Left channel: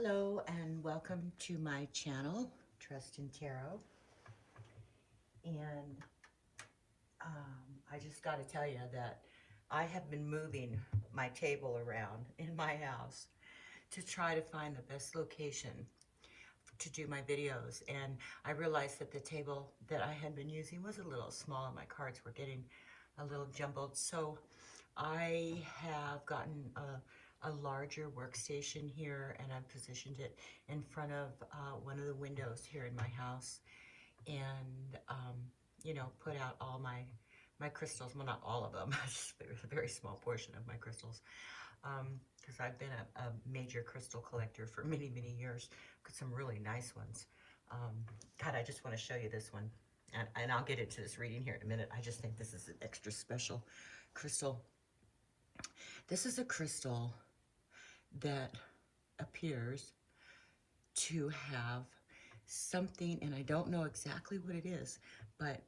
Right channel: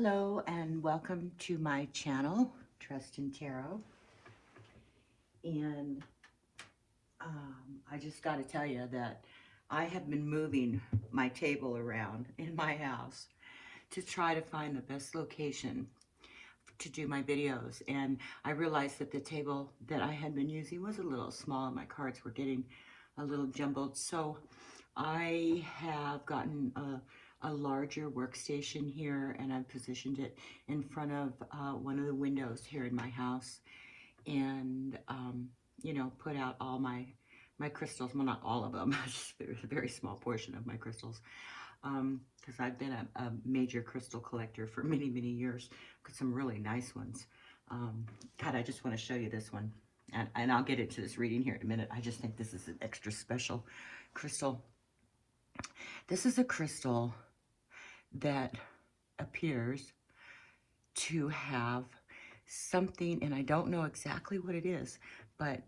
Hello and welcome to my channel, Trust in Tarot. And I just got to tell you that I have been moving my table around in my house to try to find the best location to do my videos. And I realized that the table that I had been using was a little small and my cards were getting a little jumbled. So I have gotten a larger workstation here, and I've positioned it in front of one of the windows here in my house, and you know, put out all my crystals. Well, not all of them, just a very small portion of my crystals, because I've been a major crystal collector for many years. Got some really nice ones. God, I just want to show you this one, and I'll get into this reading here in a minute. I just think this is an extra special crystal. This is a crystal that appears to have something, and I don't know exactly what it is, but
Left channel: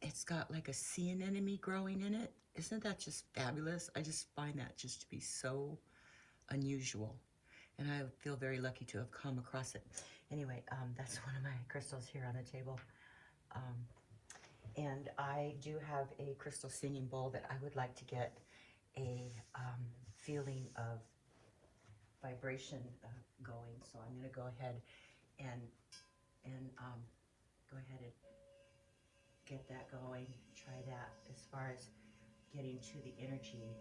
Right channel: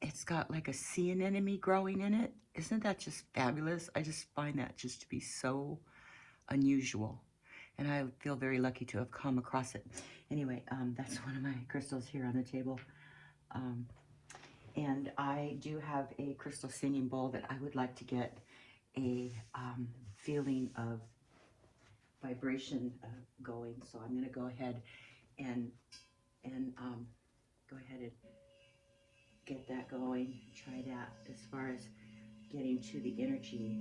it's got like a sea anemone growing in it. Isn't that just fabulous? I just find that just to be so unusual, and I feel very lucky to have come across it. Anyway, that's one of my crystals here on the table. And I do have a crystal singing bowl that I would like to get a feeling of vibration going. So I'm going to go ahead and go ahead and get that going. Try that as far as getting to the energy,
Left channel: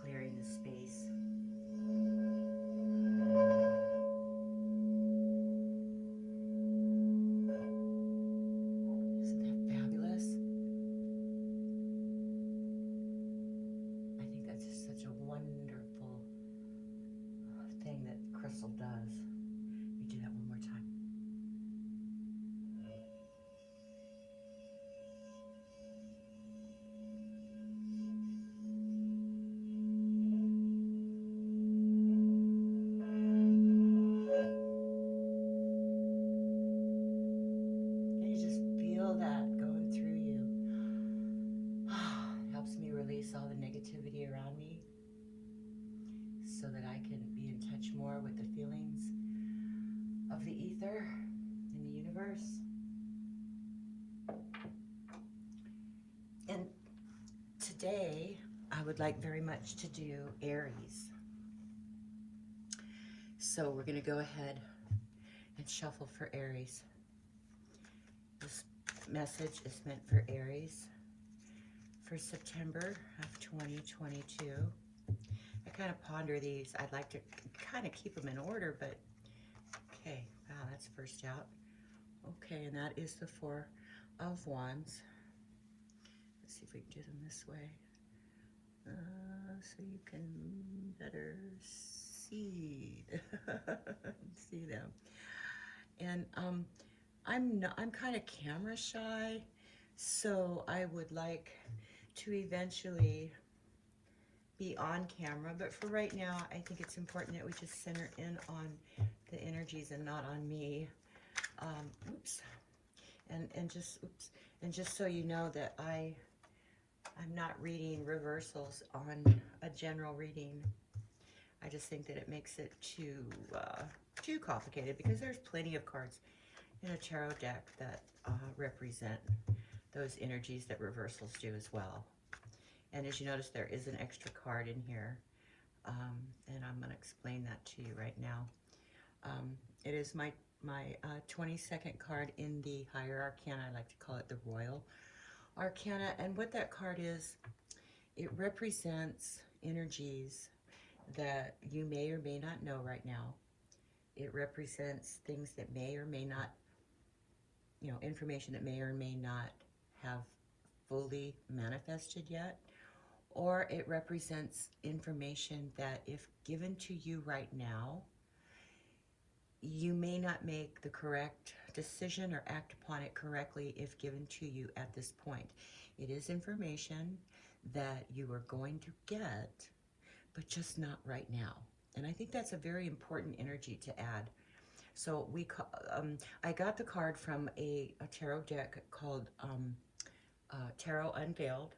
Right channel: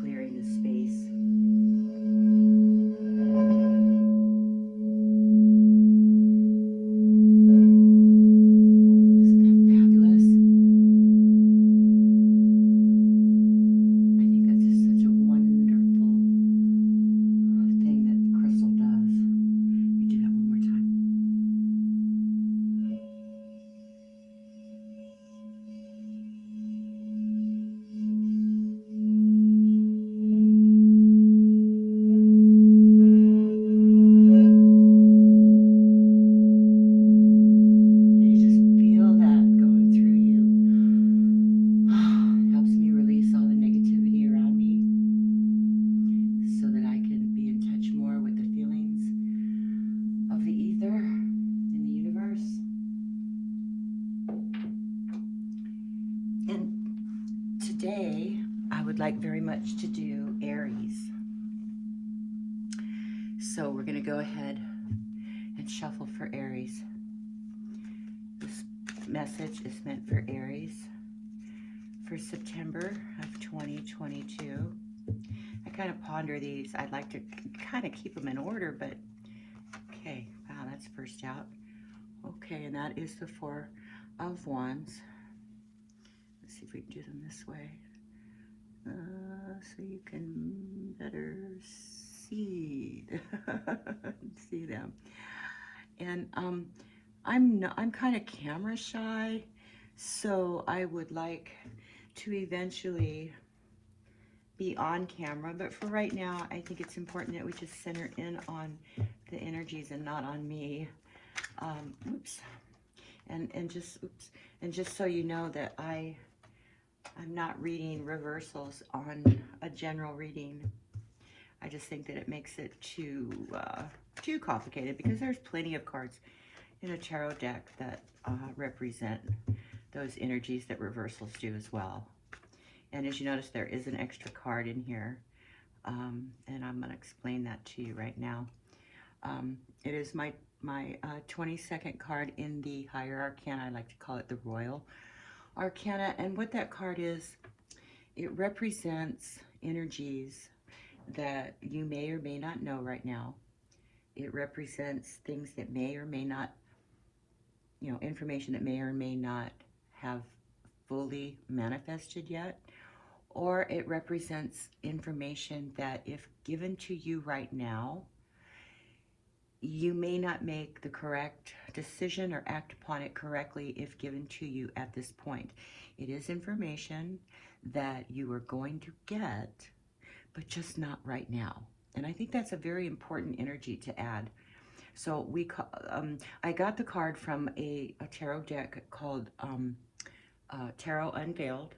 clearing the space. Today, I would like very much to do Aries. So we're going to go ahead and shuffle for Aries. This message is meant for Aries for September of 2022. I kind of ponder these. I'd like to kind of keep them in order, but okay. Wow, that's first out. Okay, and that is the Four of Wands. Let's see if we can do them this way. So you can better see see them. And I'm kind of camera shy, so I would like to eventually be on camera, but for right now I think it's important that we just center in on the energies and not on me. Oops. And just so you know that I'm not reading reversals on a general reading. I just think that it makes it too complicated, because there's plenty of cards in a tarot deck that represent those energies that reversals do as well. And as you notice, there is an extra card in here, and I'm going to explain that to you right now. It is my 22nd card in the Higher Arcana. I like to call it the Royal Arcana, and what that card is, it represents energies that you may or may not know right now. It represents things that may or may not, you know, information that may or may not have fully manifested yet, or it represents information that, if given to you right now, you may not make the correct decision or act upon it correctly if given to you at this point. It is information that you are going to get, but just not right now. And I think that's a very important energy to add. So I got the card from a tarot deck called Tarot Unveiled,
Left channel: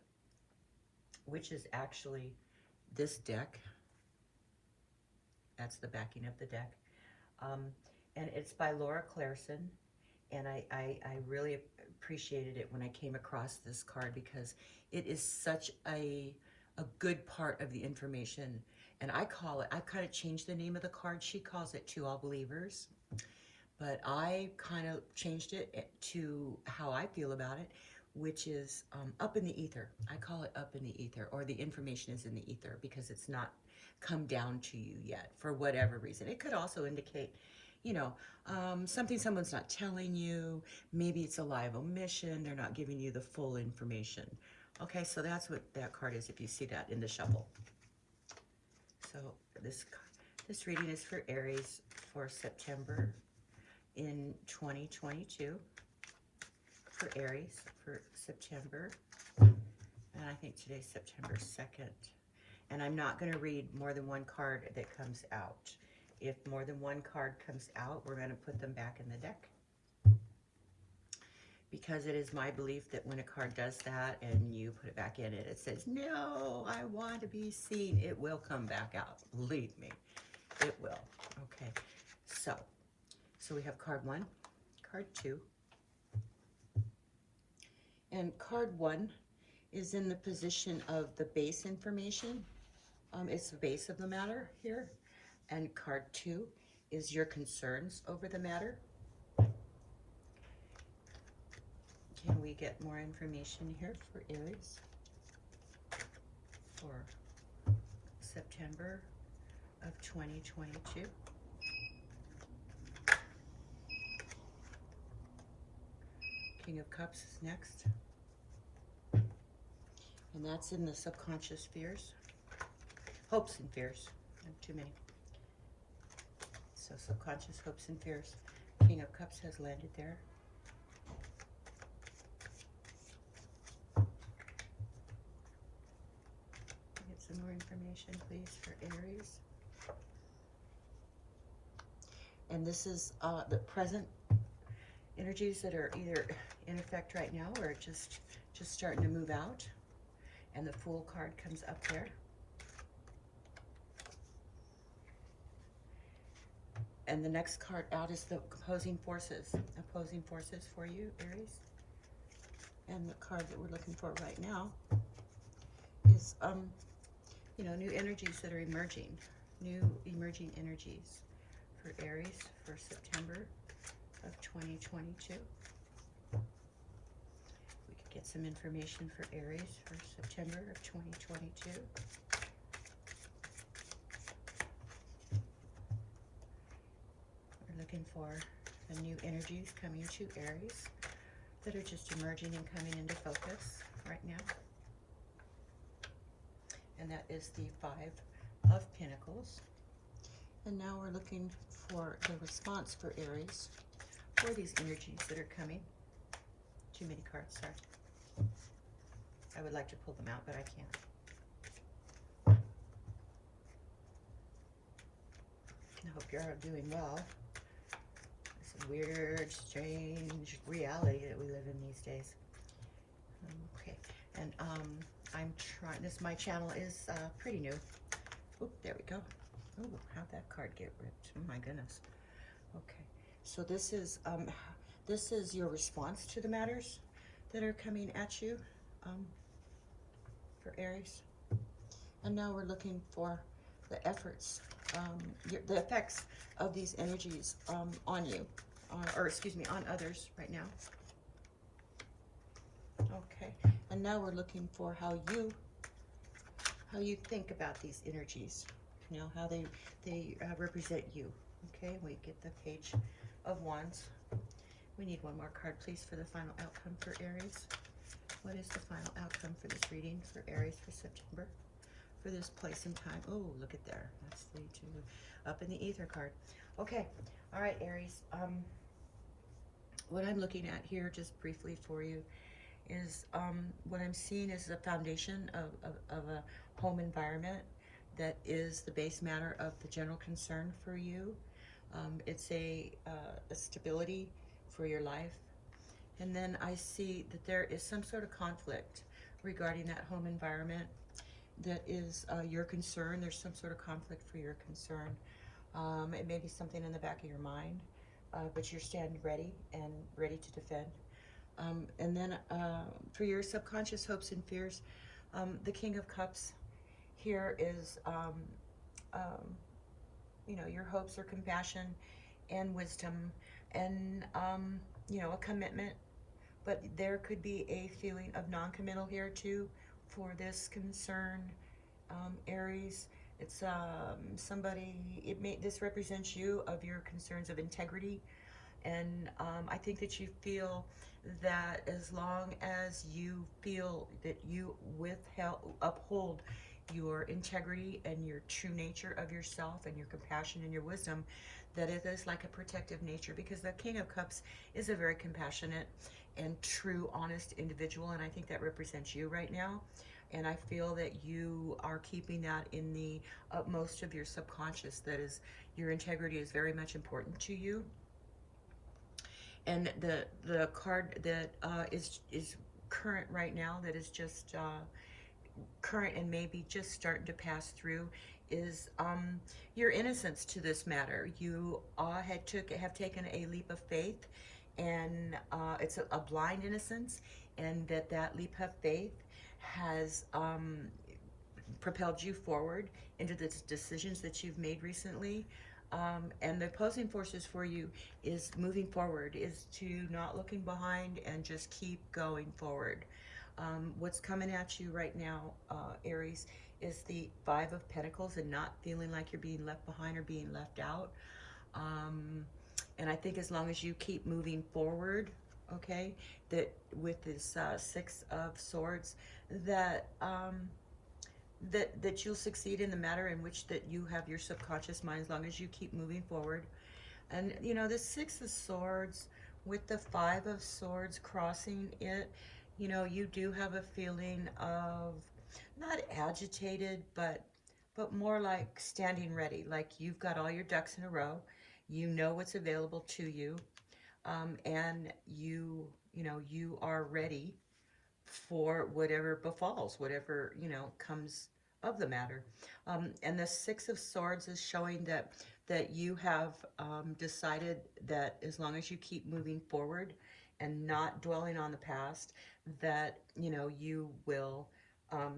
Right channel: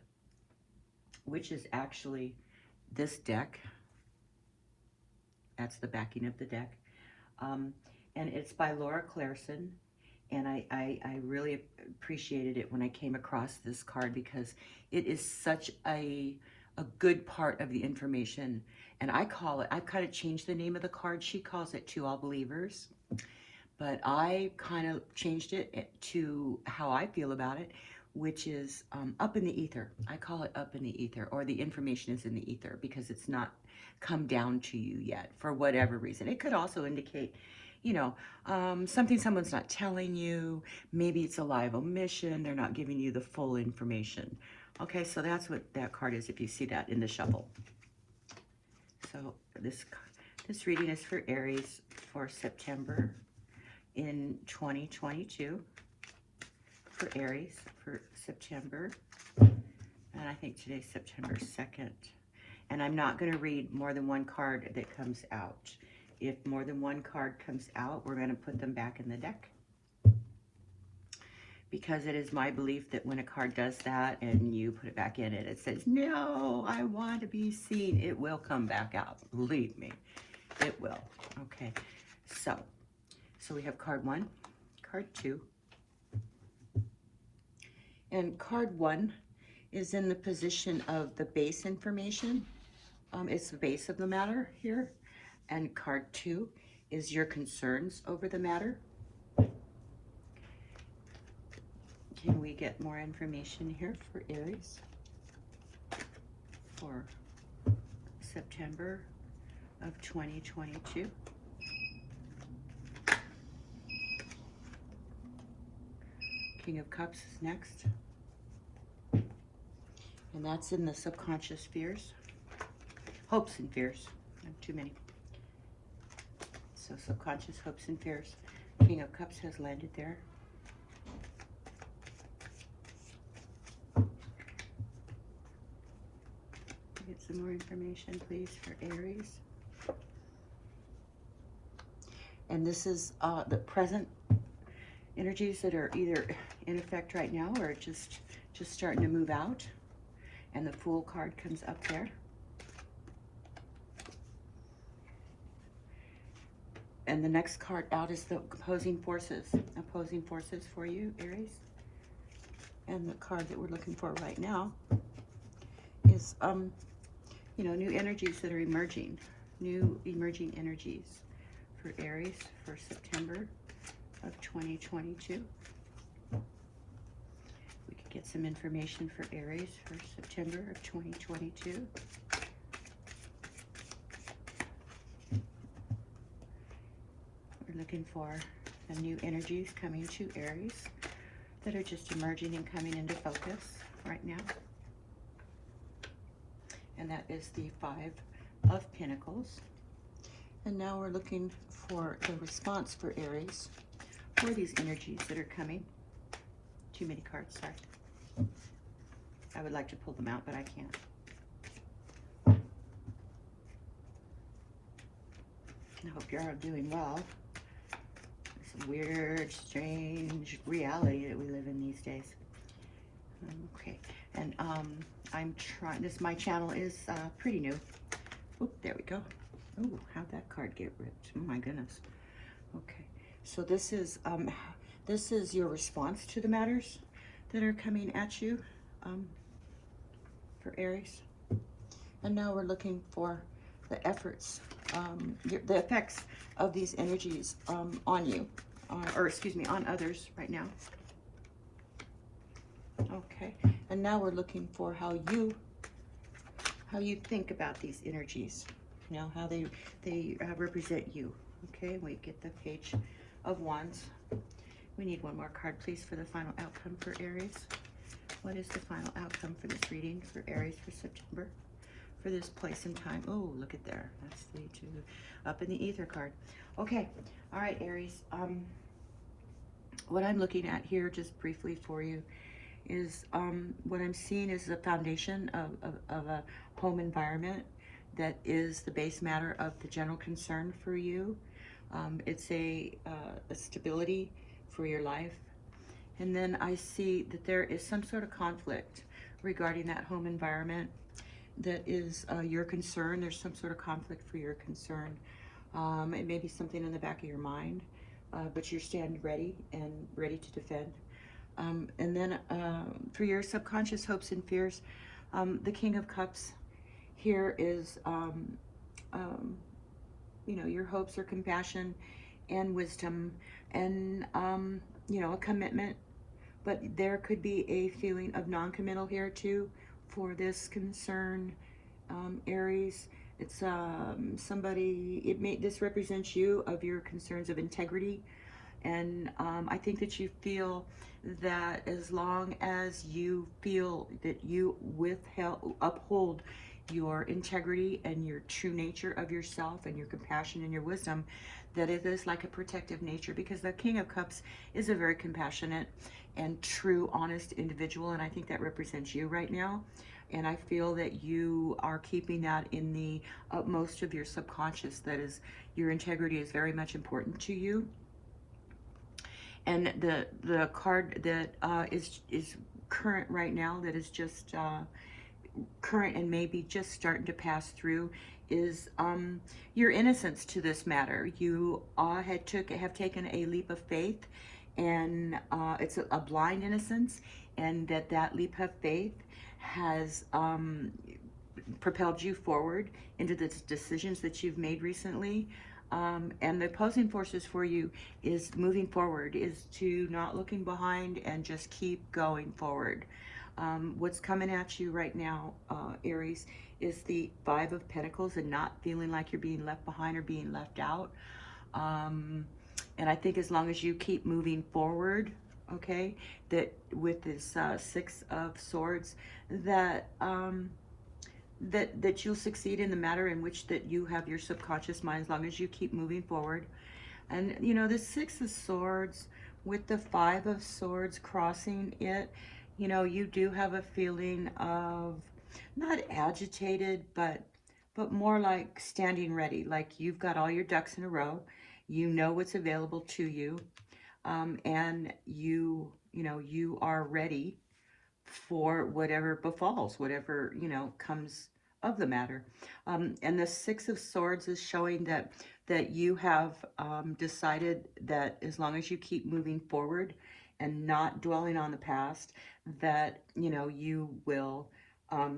which is actually this deck. That's the backing of the deck. And it's by Laura Clareson. And I really appreciated it when I came across this card because it is such a good part of the information. And I've kind of changed the name of the card. She calls it To All Believers. But I kind of changed it to how I feel about it, which is up in the ether. I call it up in the ether, or the information is in the ether because it's not come down to you yet for whatever reason. It could also indicate, you know, something someone's not telling you. Maybe it's a live omission. They're not giving you the full information. Okay, so that's what that card is if you see that in the shuffle. So this reading is for Aries for September in 2022. For Aries for September. And I think today's September 2nd. And I'm not going to read more than one card that comes out. If more than one card comes out, we're going to put them back in the deck. Because it is my belief that when a card does that and you put it back in it, it says, no, I want to be seen. It will come back out. Believe me, it will. Okay, so we have card 1, card 2. And card 1 is in the position of the base information. It's the base of the matter here. And card 2 is your concerns over the matter. Can we get more information here for Aries for September of 2022? King of Cups is next. And that's in the subconscious fears. Hopes and fears. I have too many. So subconscious hopes and fears. King of Cups has landed there. Get some more information, please, for Aries. And this is the present energies that are either in effect right now or just starting to move out. And the Fool card comes up there. And the next card out is the opposing forces for you, Aries. And the card that we're looking for right now is, you know, new energies that are emerging, new emerging energies for Aries for September of 2022. We could get some information for Aries for September of 2022. Looking for the new energies coming to Aries that are just emerging and coming into focus right now. And that is the 5 of Pentacles. And now we're looking for the response for Aries for these energies that are coming. Too many cards, sorry. I would like to pull them out, but I can't. I hope you're all doing well. Weird, strange reality that we live in these days. Okay, and I'm trying. My channel is pretty new. Oh, there we go. Oh, how'd that card get ripped? Oh my goodness. Okay, so this is your response to the matters that are coming at you for Aries. And now we're looking for the efforts, the effects of these energies on you. Or excuse me, on others right now. Okay, and now we're looking for how you think about these energies. You know, how they represent you. Okay, we get the Page of Wands. We need one more card, please, for the final outcome for Aries. What is the final outcome for this reading for Aries for September? For this place and time. Oh, look at there. That's the 2 up in the ether card. Okay, all right, Aries. What I'm looking at here, just briefly for you, is what I'm seeing is the foundation of a home environment that is the base matter of the general concern for you. It's a stability for your life. And then I see that there is some sort of conflict regarding that home environment that is your concern. There's some sort of conflict for your concern. It may be something in the back of your mind, but you're standing ready and ready to defend. And then for your subconscious hopes and fears, the King of Cups here is, you know, your hopes are compassion and wisdom and, you know, a commitment. But there could be a feeling of non-committal here too for this concern, Aries. It's somebody, this represents you, of your concerns of integrity. And I think that you feel that as long as you feel that you uphold your integrity and your true nature of yourself and your compassion and your wisdom, that it is like a protective nature, because the King of Cups is a very compassionate and true, honest individual, and I think that represents you right now. And I feel that you are keeping that in the utmost of your subconscious, that is, your integrity is very much important to you. And the card that is current right now, that is just current and maybe just starting to pass through, is your innocence to this matter. You have taken a leap of faith, and it's a blind innocence, and that leap of faith has propelled you forward into the decisions that you've made recently. And the opposing forces for you is moving forward, is to not looking behind and just keep going forward. What's coming at you right now, Aries, is the Five of Pentacles, and not feeling like you're being left behind or being left out. And I think as long as you keep moving forward, okay, that with this Six of Swords, that that you'll succeed in the matter in which that you have your subconscious mind, as long as you keep moving forward. And you know, the Six of Swords with the Five of Swords crossing it, you know, you do have a feeling of not agitated, but more like standing ready, like you've got all your ducks in a row. You know what's available to you, and you know, you are ready for whatever befalls, whatever, you know, comes of the matter. And the Six of Swords is showing that you have decided that as long as you keep moving forward and not dwelling on the past, that, you know, you will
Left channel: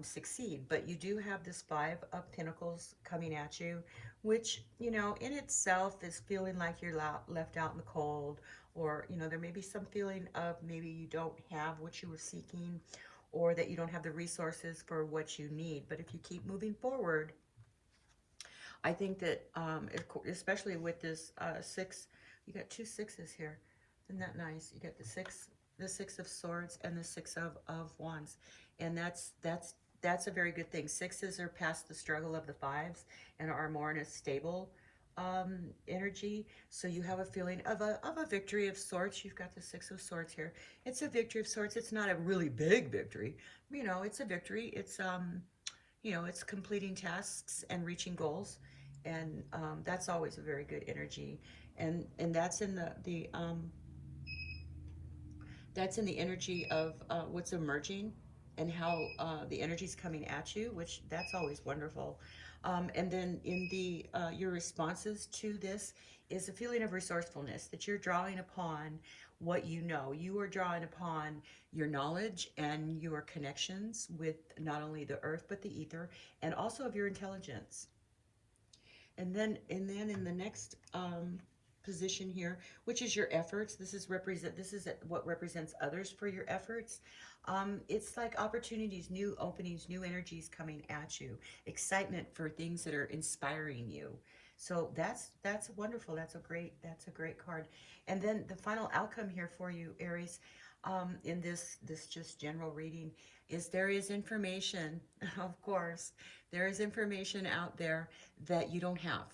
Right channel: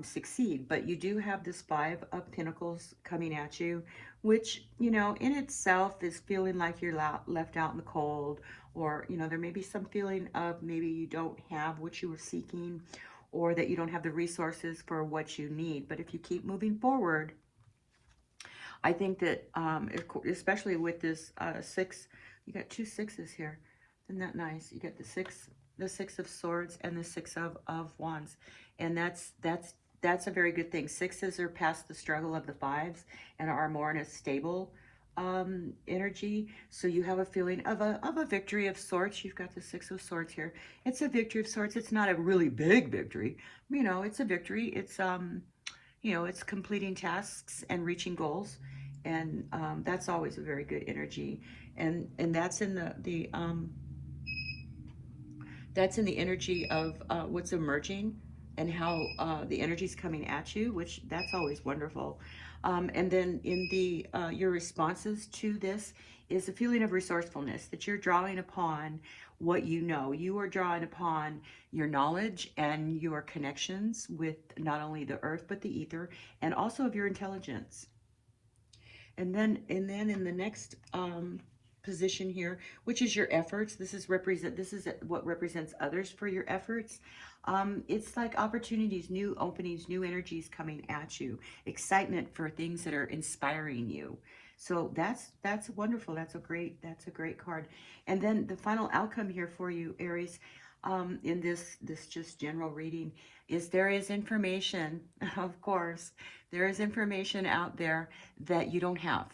succeed. But you do have this Five of Pentacles coming at you, which, you know, in itself is feeling like you're left out in the cold, or, you know, there may be some feeling of maybe you don't have what you were seeking, or that you don't have the resources for what you need. But if you keep moving forward, I think that, especially with this six, you got two sixes here. Isn't that nice? You get the Six of Swords and the Six of Wands. And that's a very good thing. Sixes are past the struggle of the fives and are more in a stable energy. So you have a feeling of a victory of sorts. You've got the Six of Swords here. It's a victory of sorts. It's not a really big victory. You know, it's a victory. It's you know, it's completing tasks and reaching goals, and that's always a very good energy. And that's in that's in the energy of what's emerging, and how the energy's coming at you, which that's always wonderful. And then in the your responses to this is a feeling of resourcefulness, that you're drawing upon what you know. You are drawing upon your knowledge and your connections with not only the earth but the ether, and also of your intelligence. And then in the next position here, which is your efforts. This is what represents others for your efforts. It's like opportunities, new openings, new energies coming at you, excitement for things that are inspiring you. So that's wonderful. That's a great card. And then the final outcome here for you, Aries, in this just general reading, is there is information, of course, there is information out there that you don't have.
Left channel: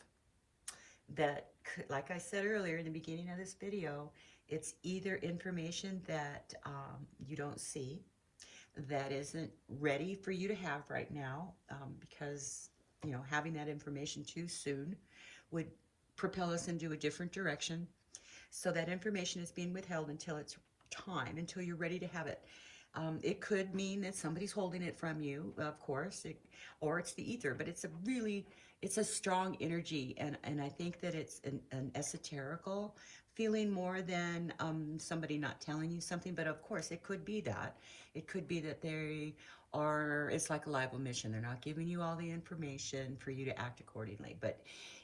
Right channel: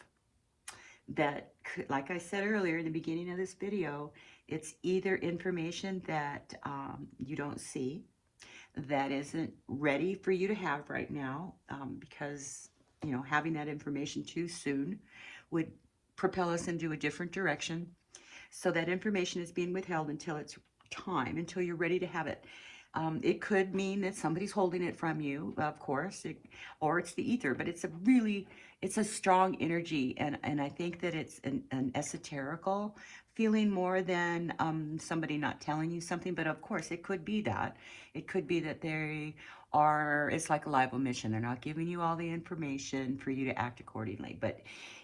That, like I said earlier in the beginning of this video, it's either information that you don't see, that isn't ready for you to have right now, because, you know, having that information too soon would propel us into a different direction. So that information is being withheld until it's time, until you're ready to have it. It could mean that somebody's holding it from you, of course, or it's the ether, but it's a strong energy, and I think that it's an esoterical feeling more than somebody not telling you something, but of course it could be that. It could be that it's like a live omission. They're not giving you all the information for you to act accordingly, but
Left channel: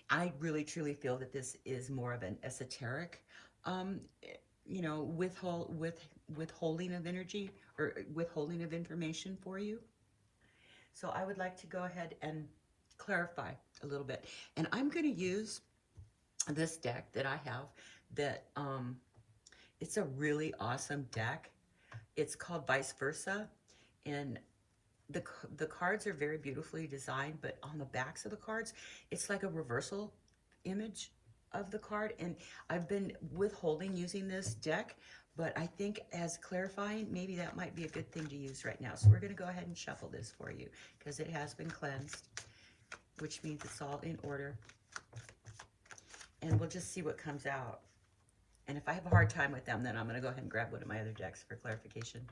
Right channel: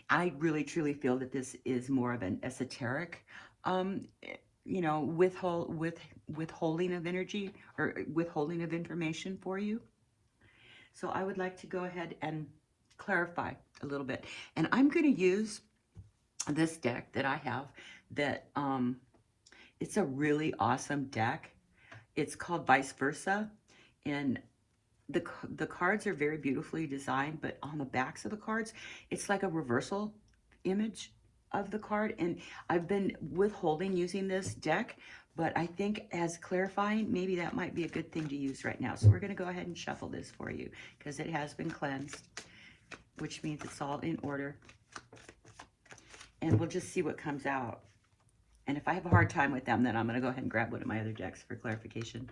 I really truly feel that this is more of an esoteric, um, withholding of energy or withholding of information for you. So I would like to go ahead and clarify a little bit. And I'm going to use this deck that I have that it's a really awesome deck. It's called Vice Versa. And the cards are very beautifully designed, but on the backs of the cards, it's like a reversal image of the card. And I've been withholding using this deck, but I think as clarifying, maybe that might be a good thing to use right now. So we're going to go ahead and shuffle this for you because it has been cleansed, which means it's all in order. And we'll just see what comes out. And if I have a hard time with them, then I'm going to go ahead and grab one of my other decks for clarification.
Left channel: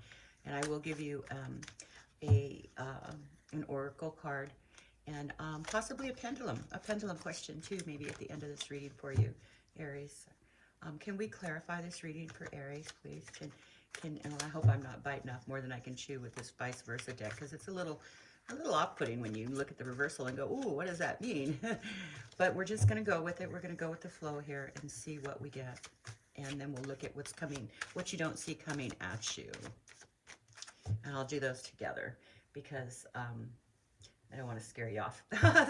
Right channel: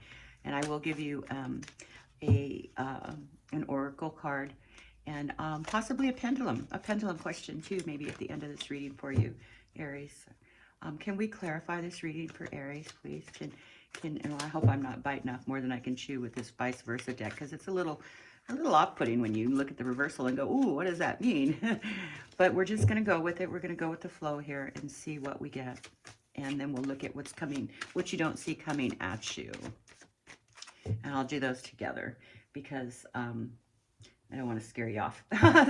And I will give you an oracle card and possibly a pendulum question too, maybe at the end of this reading for you, Aries. Can we clarify this reading for Aries, please? And I hope I'm not biting off more than I can chew with this Vice Versa deck, because it's a little off-putting when you look at the reversal and go, ooh, what does that mean? But we're just going to go with it. We're going to go with the flow here and see what we get. And then we'll look at what's coming, what you don't see coming at you. And I'll do those together because I don't want to scare you off.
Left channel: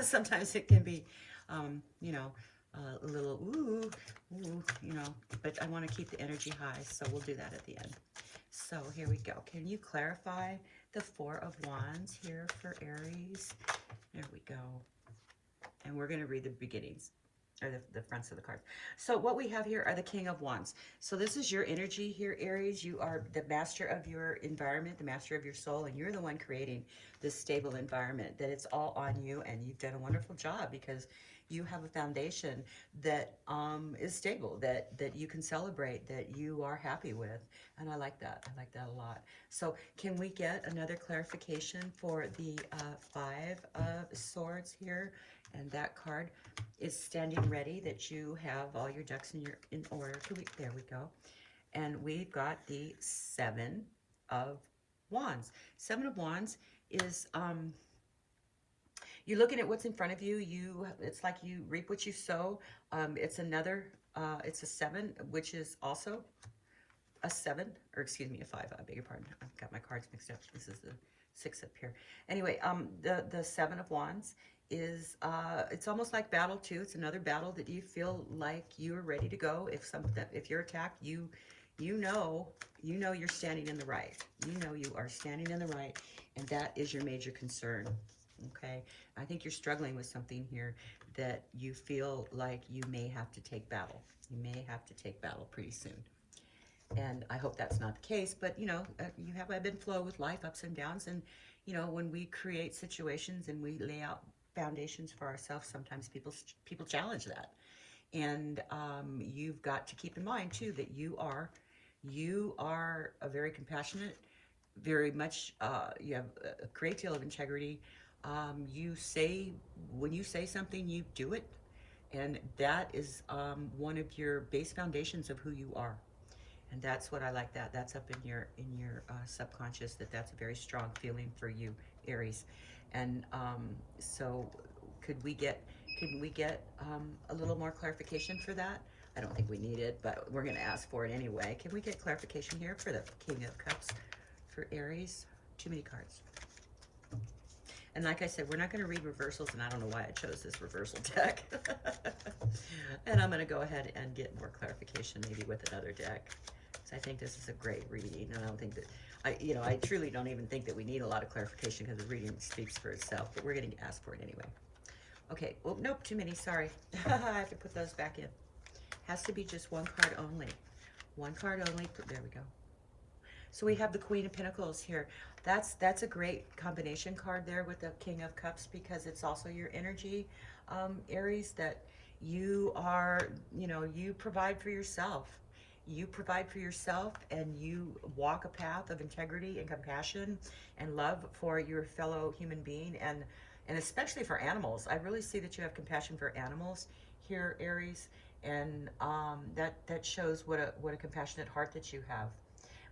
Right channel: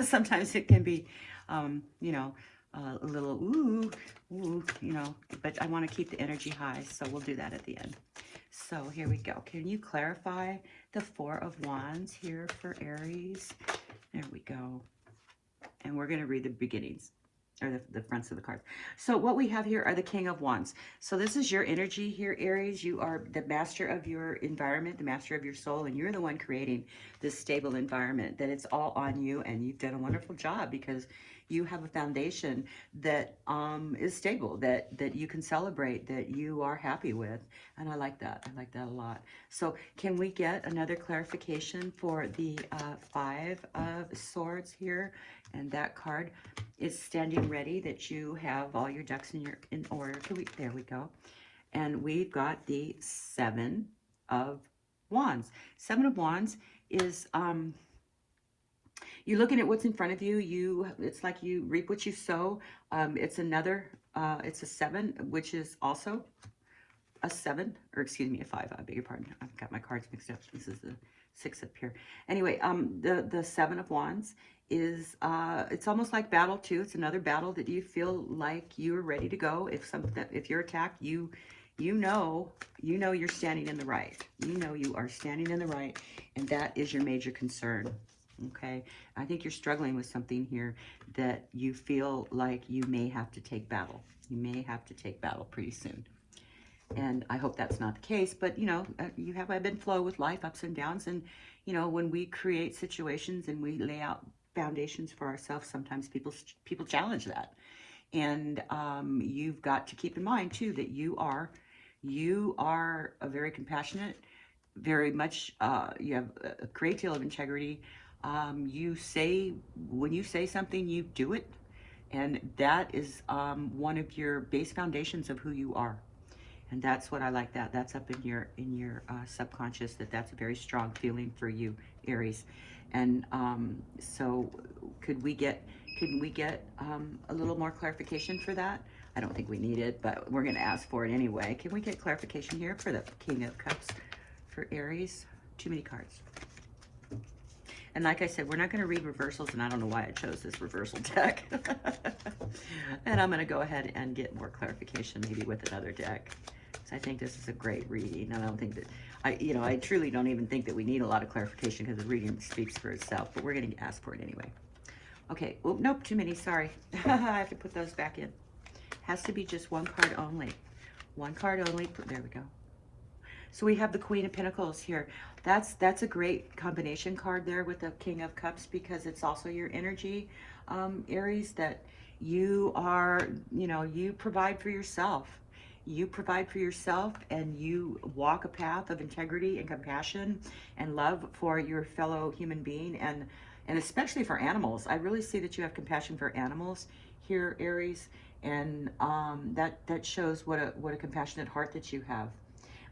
Sometimes it can be, a little, ooh, but I want to keep the energy high, so we'll do that at the end. So here we go. Can you clarify the Four of Wands here for Aries? There we go. And we're going to read the beginnings, or the fronts of the cards. So what we have here are the King of Wands. So this is your energy here, Aries. You are the master of your environment, the master of your soul, and you're the one creating this stable environment, that it's all on you, and you've done a wonderful job because you have a foundation that is stable, that you can celebrate, that you are happy with, and I like that. I like that a lot. So can we get another clarification for the Five of Swords here? And that card is standing ready, that you have all your ducks in order. There we go. And we've got the Seven of Wands. Seven of Wands is you're looking at what's in front of you. It's like you reap what you sow. It's a 7, which is also a 7, or excuse me, a 5. I beg your pardon. I've got my cards mixed up. This is the 6 up here. Anyway, the 7 of Wands is it's almost like battle too. It's another battle that you feel like you're ready to go. If you're attacked, you know you're standing in the right. You know you are standing in the right, and that is your major concern. Okay, I think you're struggling with something here that you feel like you may have to take battle. You may have to take battle pretty soon. And I hope that's not the case, but you have ebb and flow with life, ups and downs. And when we create situations and we lay out foundations for ourselves, sometimes people challenge that. And you've got to keep in mind too that you are a very compassionate, very much you have a great deal of integrity. When you say something, you do it, and that is one of your base foundations of who you are. And that's what I like. That's up in your subconscious. That's a very strong feeling for you, Aries. And so could we get a little more clarification for that? I don't think we need it, but we're going to ask for it anyway. Can we get clarification here for the King of Cups for Aries? Too many cards. And like I said, we're not going to read reversals, and I don't know why I chose this reversal deck. And I'm going to go ahead and get more clarification, maybe with another deck. So I think this is a great reading. I don't think that, I truly don't even think that we need a lot of clarification because the reading speaks for itself, but we're going to ask for it anyway. Okay, well, nope, too many, sorry. I have to put those back in. Has to be just one card only. One card only, there we go. So we have the Queen of Pentacles here. That's a great combination card there with the King of Cups, because it's also your energy, Aries, that you are, you provide for yourself. you provide for yourself and you walk a path of integrity and compassion and love for your fellow human being, and especially for animals. I really see that you have compassion for animals here, Aries, and that shows what a compassionate heart that you have.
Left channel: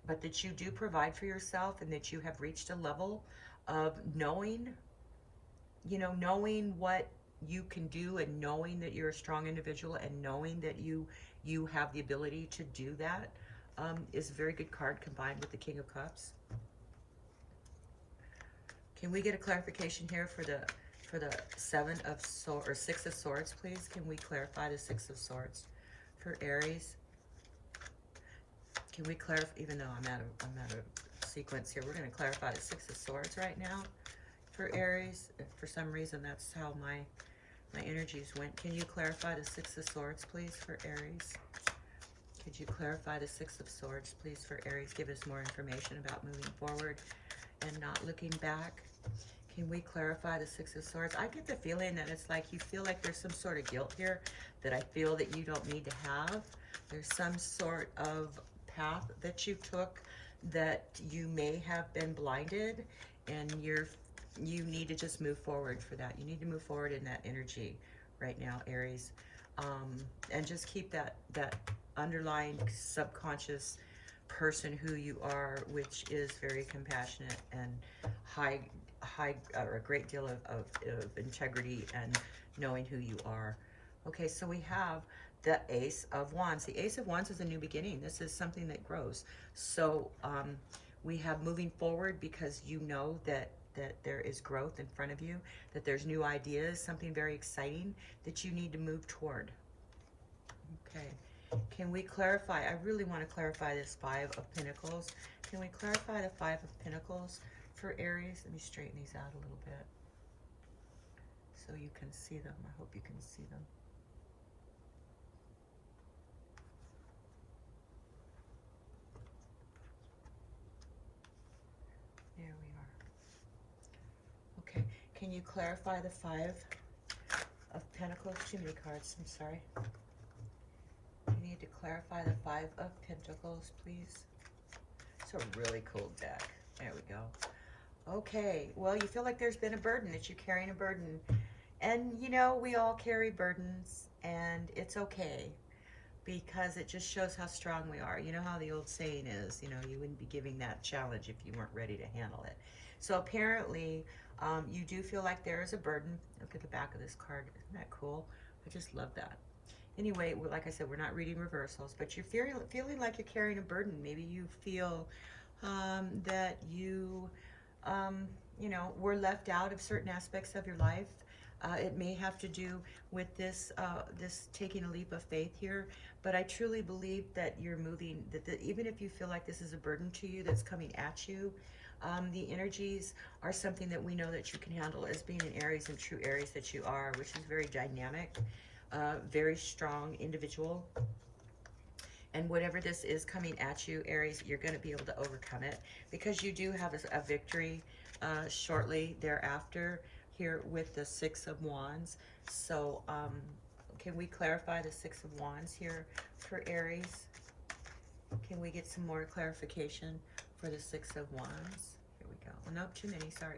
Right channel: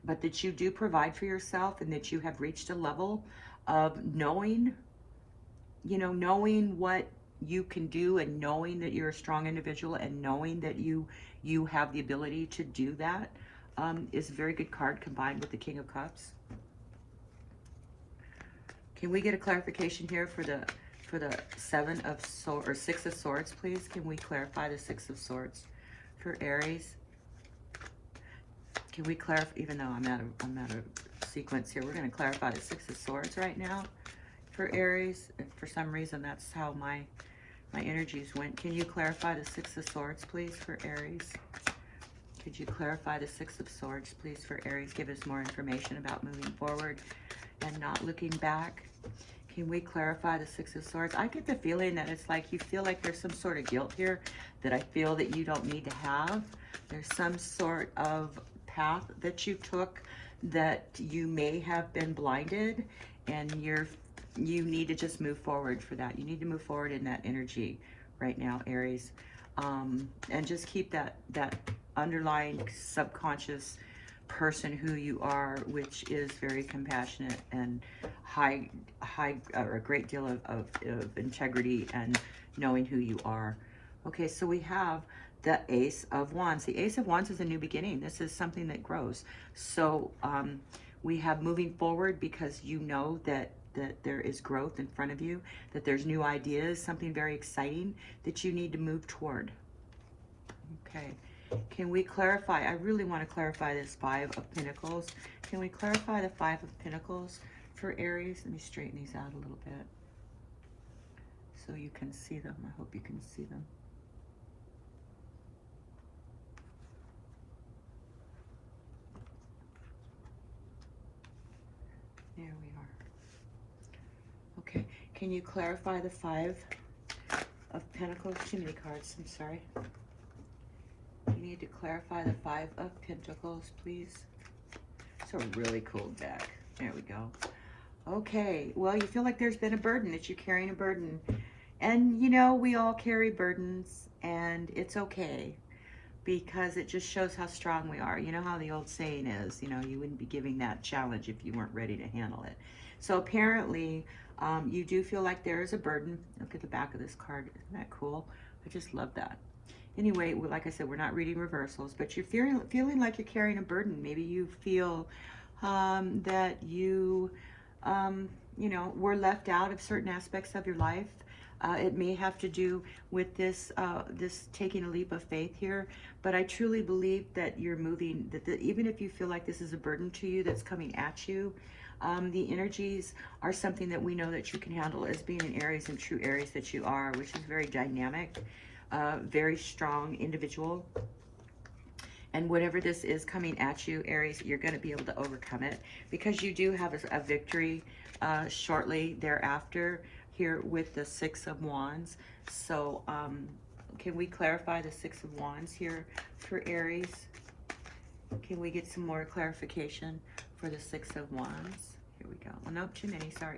But that you do provide for yourself, and that you have reached a level of knowing, knowing what you can do, and knowing that you're a strong individual, and knowing that you have the ability to do that, is a very good card combined with the King of Cups. Can we get a clarification here for the Six of Swords, please? Can we clarify the Six of Swords for Aries? Can we clarify, even though I'm out of sequence here, we're going to clarify the Six of Swords right now for Aries. And for some reason, that's how my energies went. Can you clarify the Six of Swords, please, for Aries? Could you clarify the Six of Swords, please, for Aries? Give us more information about moving forward and not looking back. Can we clarify the Six of Swords? I get the feeling that it's like you feel like there's some sort of guilt here that I feel that you don't need to have. There's some sort of path that you took that you may have been blinded, and you need to just move forward for that. You need to move forward in that energy right now, Aries. And just keep that underlying subconscious person who you are, which is very compassionate and a great deal of integrity and knowing who you are. Okay, so we have the Ace of Wands. The Ace of Wands is a new beginning. This is something that grows. So we have moving forward, because you know that there is growth in front of you, that there's new ideas, something very exciting that you need to move toward. Okay, can we clarify? I really want to clarify this Five of Pentacles. Can we clarify the Five of Pentacles for Aries? Let me straighten these out a little bit so you can see them. I hope you can see them. There we are. Okay, can you clarify the Five of Pentacles? Too many cards, I'm sorry. You need to clarify the Five of Pentacles, please. It's a really cool deck. There we go. Okay, well, you feel like there's been a burden, that you're carrying a burden. And, we all carry burdens, and it's okay, because it just shows how strong we are. You know how the old saying is, you wouldn't be giving that challenge if you weren't ready to handle it. So apparently, you do feel like there is a burden. Look at the back of this card. Isn't that cool? I just love that. Anyway, like I said, we're not reading reversals, but you're feeling like you're carrying a burden. Maybe you feel that you, were left out of certain aspects of your life. It may have to do with this taking a leap of faith here, but I truly believe that you're moving, that even if you feel like this is a burden to you that's coming at you, the energies are something that we know that you can handle as being an Aries, and true Aries that you are, which is very dynamic, very strong individual. And whatever this is coming at you, Aries, you're going to be able to overcome it, because you do have a victory shortly thereafter here with the Six of Wands. So can we clarify the Six of Wands here for Aries? Can we get some more clarification for the Six of Wands? Here we go. Well, nope, too many. Sorry.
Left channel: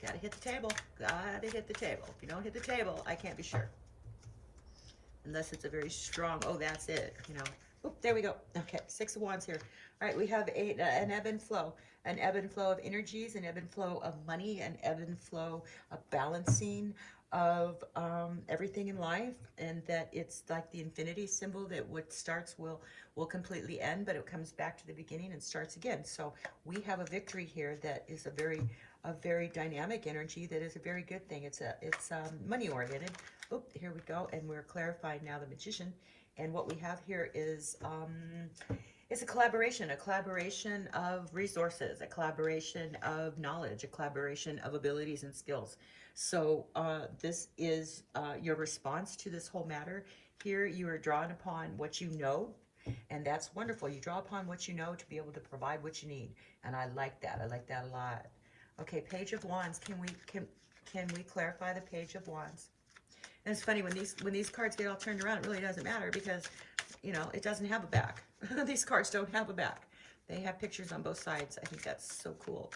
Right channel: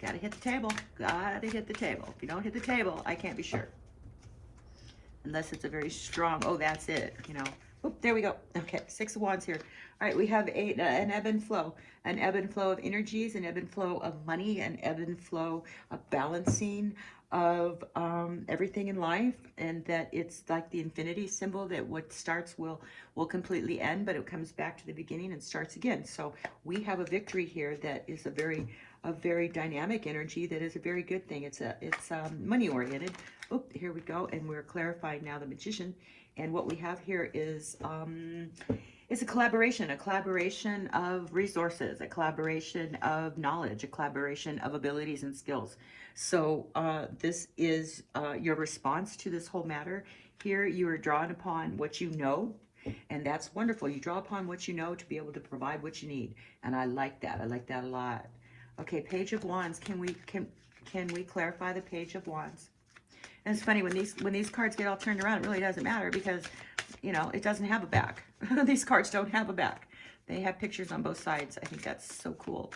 Gotta hit the table. Gotta hit the table. If you don't hit the table, I can't be sure. Unless it's a very strong, oh, that's it, Oop, there we go. Okay, Six of Wands here. All right, we have an ebb and flow. An ebb and flow of energies, an ebb and flow of money, an ebb and flow of balancing of everything in life, and that it's like the infinity symbol, that what starts will completely end, but it comes back to the beginning and starts again. So we have a victory here that is a very dynamic energy, that is a very good thing. It's money oriented. Oh, here we go, and we're clarifying now the Magician, and what we have here is a collaboration of resources, a collaboration of knowledge, a collaboration of abilities and skills. So this is your response to this whole matter. Here you are drawing upon what you know, and that's wonderful. You draw upon what you know to be able to provide what you need, and I like that. I like that a lot. Okay, Page of Wands. Can we clarify the Page of Wands? And it's funny, when these cards get all turned around, it really doesn't matter, because you know, it doesn't have a back. These cards don't have a back. They have pictures on both sides. I think that's so cool.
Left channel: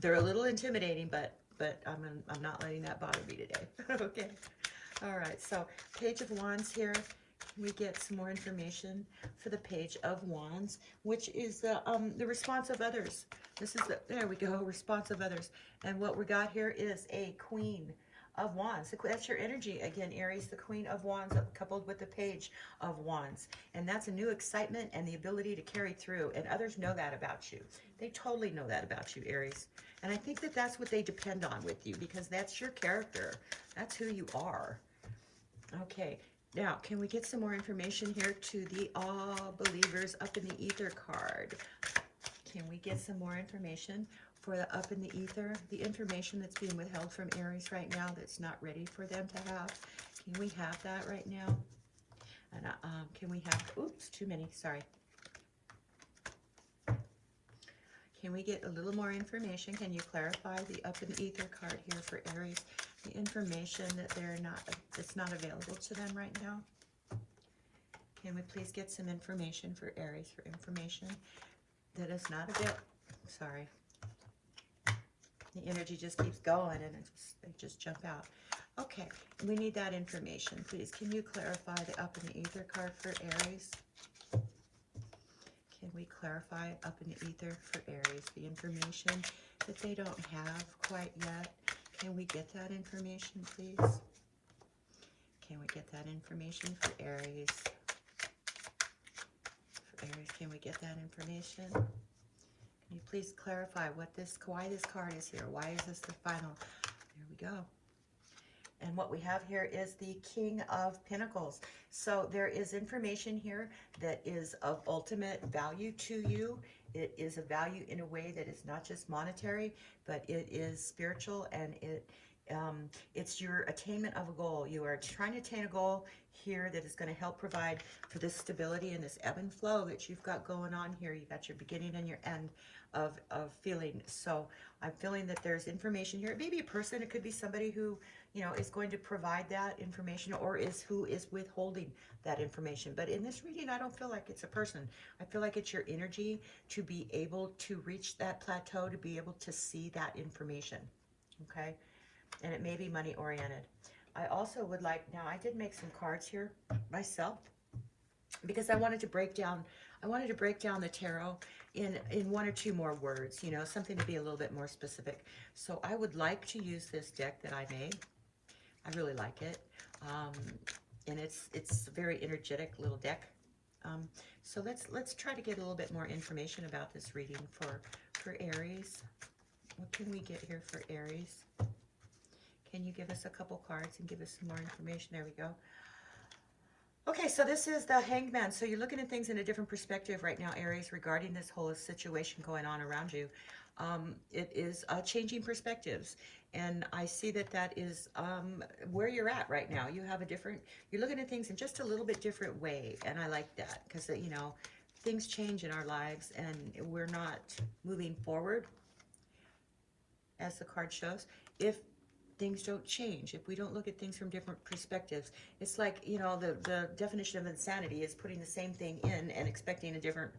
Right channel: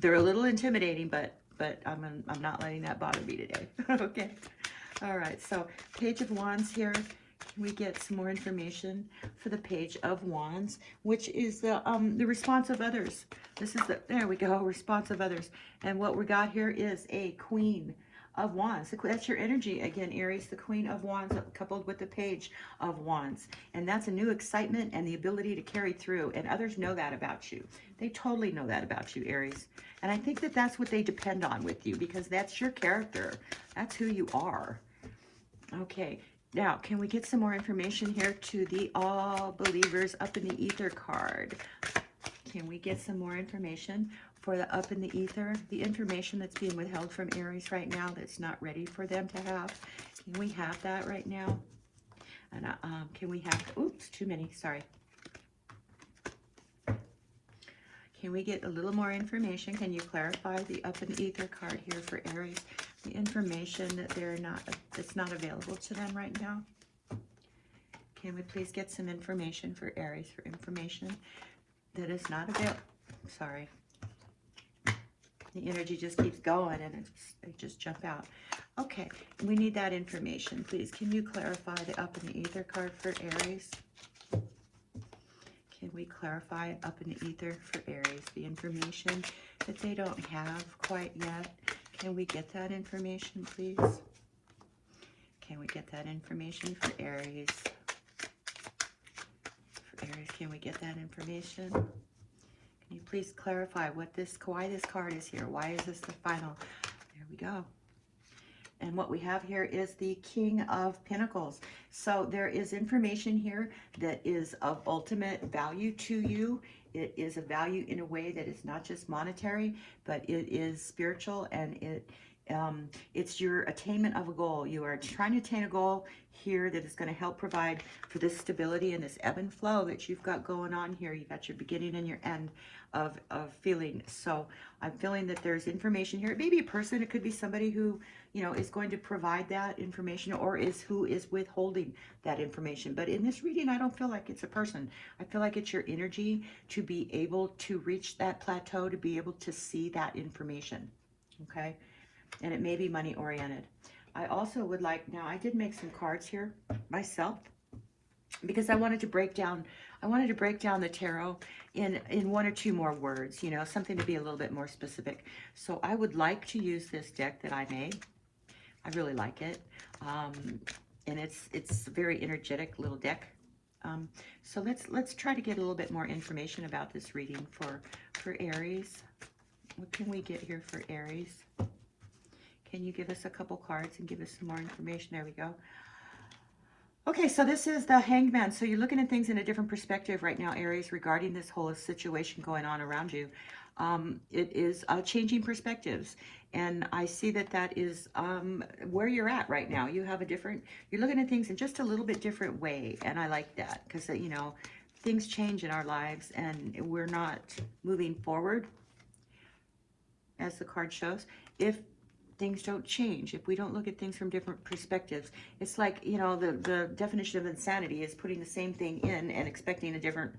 They're a little intimidating, but I'm not letting that bother me today. Okay. All right. So Page of Wands here. We get some more information for the Page of Wands, which is the response of others. This is the, there we go, response of others. And what we got here is a Queen of Wands. That's your energy again, Aries, the Queen of Wands coupled with the Page of Wands. And that's a new excitement and the ability to carry through. And others know that about you. They totally know that about you, Aries. And I think that that's what they depend on with you, because that's your character. That's who you are. Okay. Now, can we get some more information here to the All Believers Up in the Ether card? Can we get some more information for the Up in the Ether? The information that's being withheld from Aries right now that's not ready for them to have. Can we have that right now? And can we have, oops, too many, sorry. Can we get a little more information? Can you clarify the Up in the Ether card here for Aries? The information that it's not available to them right now. Can we please get some information for Aries, for information that is not available? Sorry. The energy just keeps going and it just jump out. Okay, we need that information, please. Can you clarify the Up in the Ether card for Aries? Can we clarify Up in the Ether for Aries, the information that they don't have quite yet? Can we get that information, please? Can we get that information for Aries? For Aries, can we get that information? Can you please clarify why this card is here? Why is this the final? There we go. And what we have here is the King of Pentacles. So there is information here that is of ultimate value to you. It is a value in a way that is not just monetary, but it is spiritual, and it's your attainment of a goal. You are trying to attain a goal here that is going to help provide for this stability and this ebb and flow that you've got going on here. You've got your beginning and your end of feeling. So I'm feeling that there's information here. It may be a person. It could be somebody who, you know, is going to provide that information, or who is withholding that information. But in this reading, I don't feel like it's a person. I feel like it's your energy to be able to reach that plateau, to be able to see that information. Okay. And it may be money oriented. I also would like, now I did make some cards here myself, because I wanted to break down the tarot in one or two more words, you know, something to be a little bit more specific. So I would like to use this deck that I made. I really like it. And it's a very energetic little deck. So let's try to get a little bit more information about this reading for Aries. What can we get here for Aries? Can you give us a couple cards and give us some more information? There we go. Okay, so this is the Hangman. So you're looking at things in a different perspective right now, Aries, regarding this whole situation going on around you. It is changing perspectives. And I see that is where you're at right now. You have you're looking at things in just a little bit different way. And I like that, because, you know, things change in our lives and we're not moving forward, as the card shows, if things don't change, if we don't look at things from different perspectives. It's like, you know, the definition of insanity is putting the same thing in and expecting a different,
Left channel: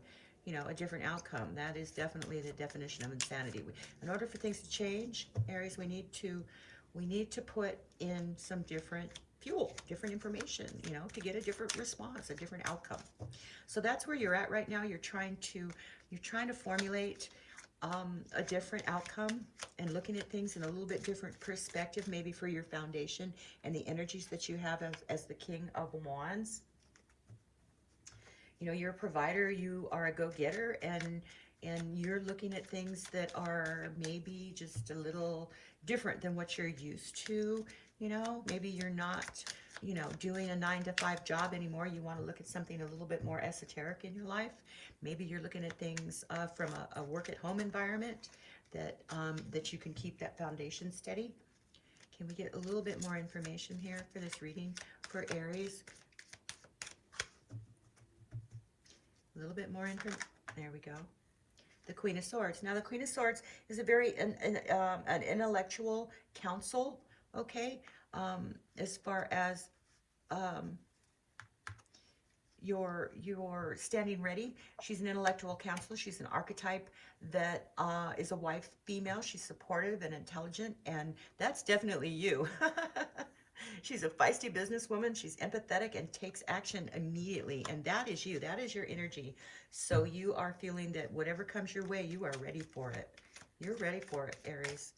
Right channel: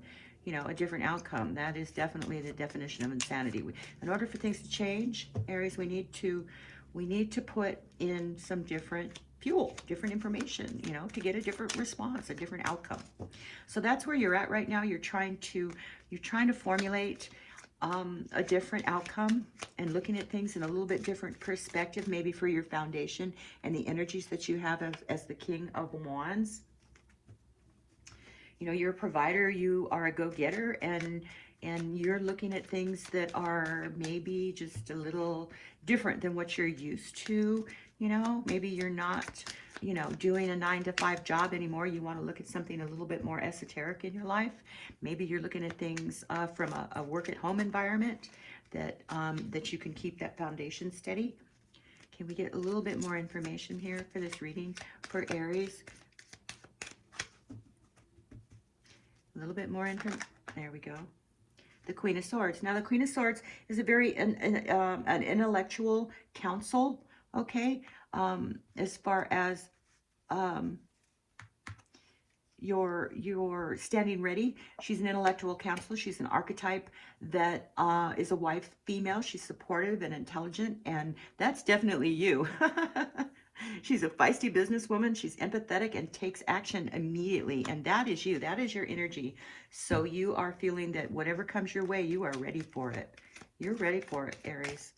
you know, a different outcome. That is definitely the definition of insanity. In order for things to change, Aries, we need to put in some different fuel, different information, you know, to get a different response, a different outcome. So that's where you're at right now. You're trying to formulate a different outcome and looking at things in a little bit different perspective, maybe for your foundation and the energies that you have as the King of Wands. You know, you're a provider, you are a go-getter, and you're looking at things that are maybe just a little different than what you're used to. You know, maybe you're not, you know, doing a 9-to-5 job anymore. You want to look at something a little bit more esoteric in your life. Maybe you're looking at things from a work-at-home environment that you can keep that foundation steady. Can we get a little bit more information here for this reading for Aries? A little bit more information. There we go. The Queen of Swords. Now, the Queen of Swords is a very an intellectual counsel. Okay, as far as you're standing ready. She's an intellectual counselor. She's an archetype that is a wife female. She's supportive and intelligent, and that's definitely you. She's a feisty businesswoman. She's empathetic and takes action immediately, and that is you. That is your energy. So you are feeling that whatever comes your way, you are ready for it. You're ready for it, Aries,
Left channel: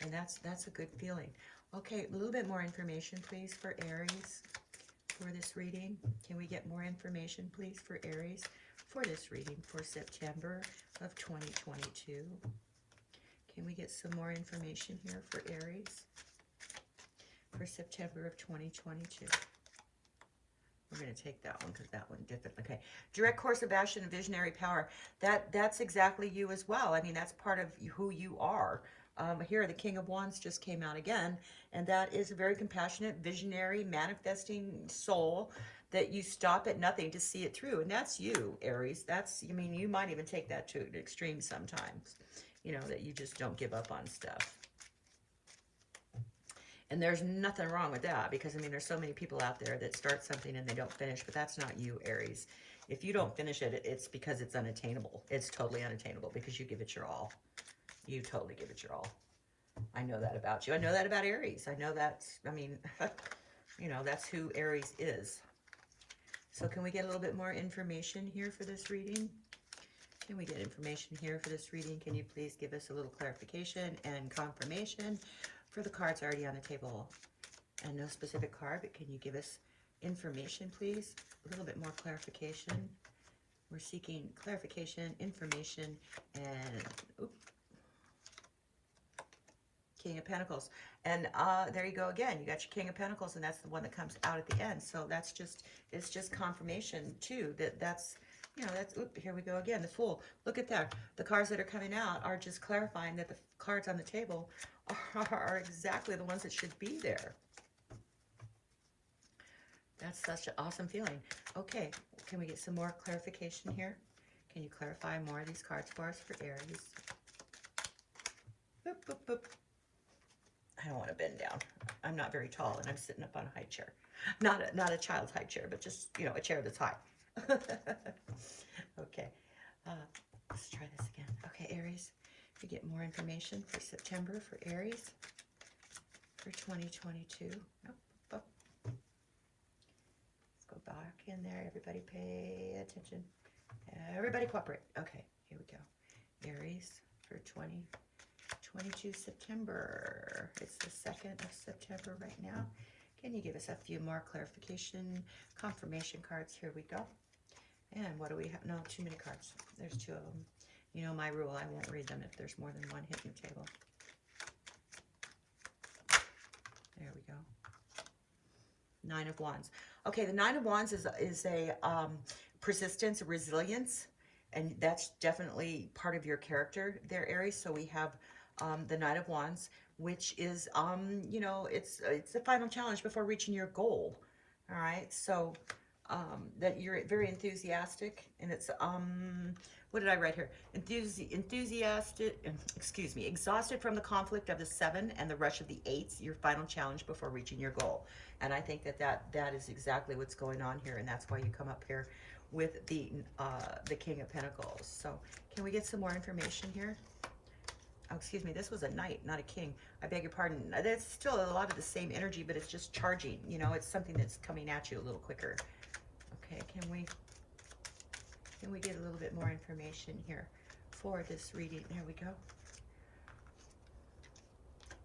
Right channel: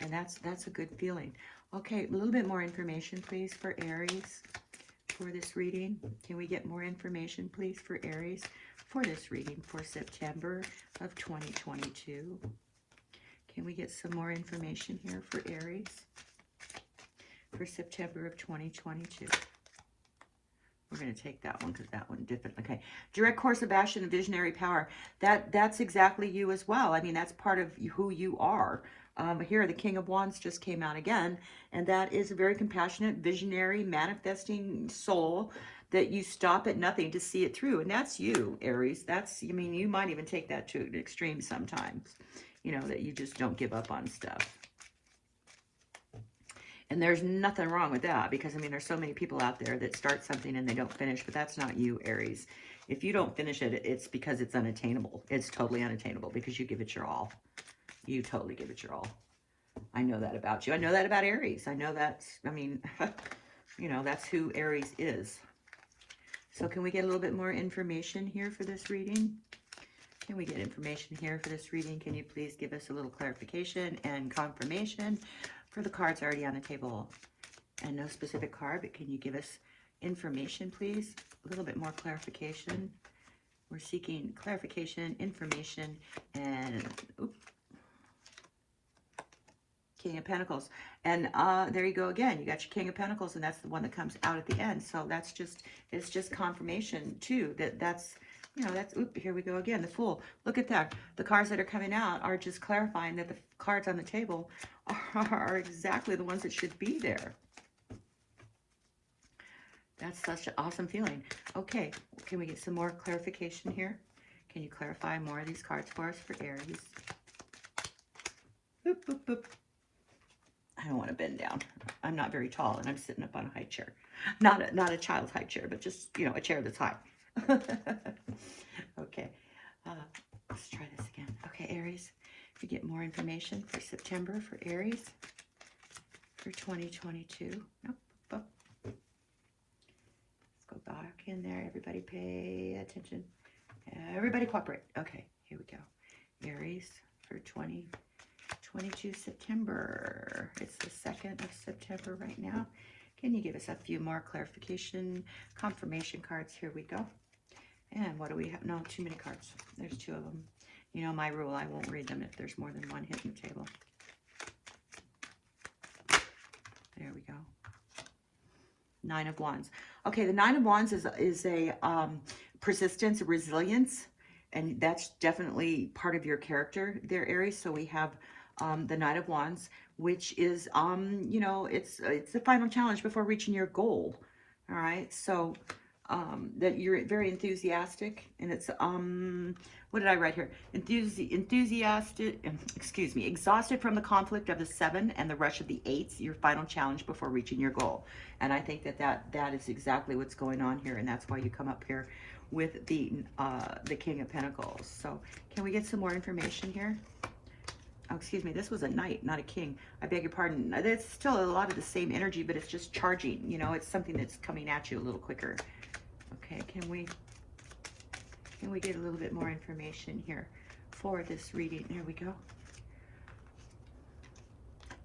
and that's a good feeling. Okay, a little bit more information, please, for Aries for this reading. Can we get more information, please, for Aries for this reading for September of 2022? Can we get some more information here for Aries for September of 2022? We're going to take that one because that one different. Okay, direct course of action and visionary power. That's exactly you as well. I mean, that's part of who you are. Here, the King of Wands just came out again, and that is a very compassionate, visionary, manifesting soul that you stop at nothing to see it through, and that's you, Aries. That's, I mean, you might even take that to an extreme sometimes, you know, that you just don't give up on stuff. And there's nothing wrong with that, because, I mean, there's so many people out there that start something and they don't finish, but that's not you, Aries. If you don't finish it, it's because it's unattainable. It's totally unattainable because you give it your all. You totally give it your all. I know that about you. I know that about Aries. I know that's, I mean, you know, that's who Aries is. So can we get a little bit more information here for this reading? Can we get information here for this reading? Can you please give us a little clarification and confirmation for the cards already on the table? And no specific card, but can you give us information, please? A little bit more clarification. We're seeking clarification, information, and King of Pentacles. And there you go again. You got your King of Pentacles, and that's the one that comes out at the end. So that's just, it's just confirmation too that's, you know, that's, here we go again, the Fool. Look at that. The cards that are coming out are just clarifying that the cards on the table are exactly the ones that should be there. That's such an awesome feeling. Okay, can we get some more clarification here? Can you clarify more of these cards for us for Aries? Boop, boop, boop. I don't want to bend down. I'm not very tall, and I'm sitting up on a high chair. Not a child's high chair, but just, you know, a chair that's high. Okay, let's try this again. Okay, Aries, if you get more information for September for Aries for 2022. Nope. Oh. Let's go back in there. Everybody pay attention. Everybody cooperate. Okay, here we go. Aries for 2022 September. It's the 2nd of September right now. Can you give us a few more clarification, confirmation cards? Here we go. And what do we have? No, too many cards. There's 2 of them. You know my rule, I won't read them if there's more than one hitting the table. There we go. 9 of Wands. Okay, the 9 of Wands is a persistence, resilience, and that's definitely part of your character there, Aries. So we have the Knight of Wands, which is, you know, it's the final challenge before reaching your goal. All right, so that you're very enthusiastic, and it's what did I write here? Enthusiastic, excuse me, exhausted from the conflict of the 7 and the rush of the 8s, your final challenge before reaching your goal. And I think that is exactly what's going on here, and that's why you come up here with the King of Pentacles. So can we get some more information here? Oh, excuse me, this was a knight, not a king. I beg your pardon. It's still a lot of the same energy, but it's just charging. You know, it's something that's coming at you a little quicker. Okay, can we get a little bit more information here for this reading? There we go.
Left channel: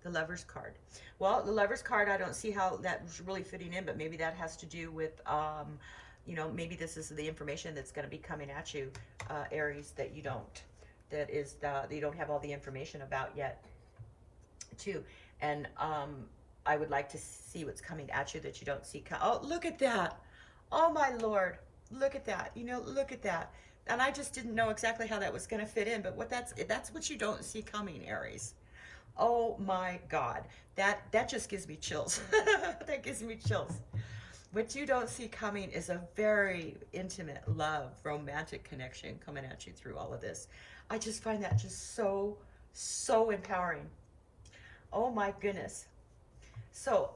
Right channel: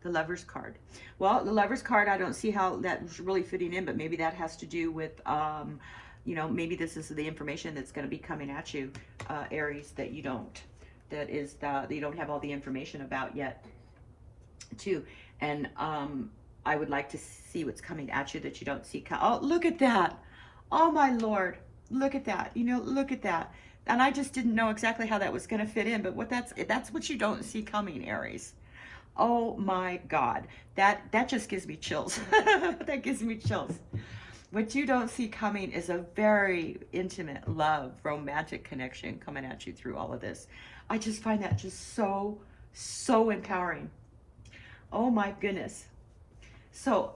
The Lover's card. Well, the Lover's card, I don't see how that's really fitting in, but maybe that has to do with, you know, maybe this is the information that's going to be coming at you, Aries, that you don't. That is that you don't have all the information about yet, too. And I would like to see what's coming at you that you don't see. Oh, look at that. Oh, my Lord. Look at that. You know, look at that. And I just didn't know exactly how that was going to fit in, but that's what you don't see coming, Aries. Oh, my God. That just gives me chills. That gives me chills. What you don't see coming is a very intimate love, romantic connection coming at you through all of this. I just find that just so empowering. Oh my goodness. So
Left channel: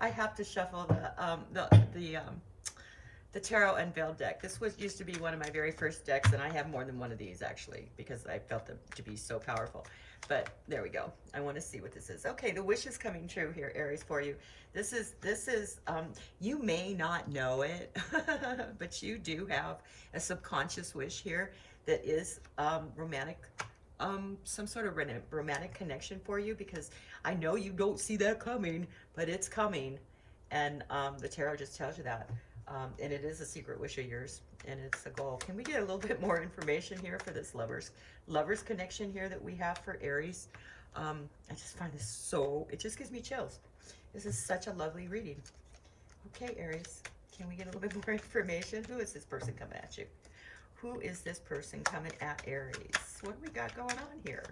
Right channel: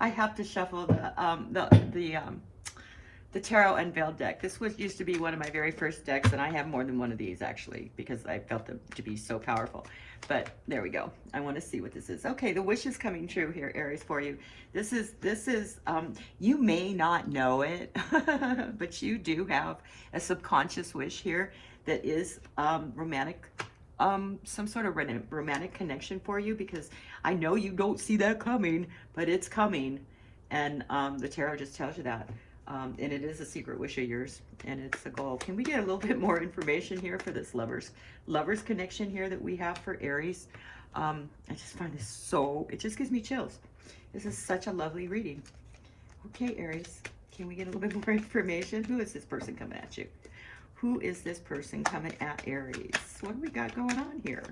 I have to shuffle the the Tarot Unveiled deck. This was used to be one of my very first decks, and I have more than one of these actually because I felt them to be so powerful. But there we go. I want to see what this is. Okay, the wish is coming true here, Aries, for you. This is you may not know it, but you do have a subconscious wish here that is romantic, some sort of romantic connection for you, because I know you don't see that coming, but it's coming. And the tarot just tells you that. And it is a secret wish of yours, and it's a goal. Can we get a little bit more information here for this lovers connection here that we have for Aries? I just find this so, it just gives me chills. This is such a lovely reading. Okay, Aries, can we get a little bit more information? Who is this person coming at you? Who is this person coming at Aries? What do we got going on here?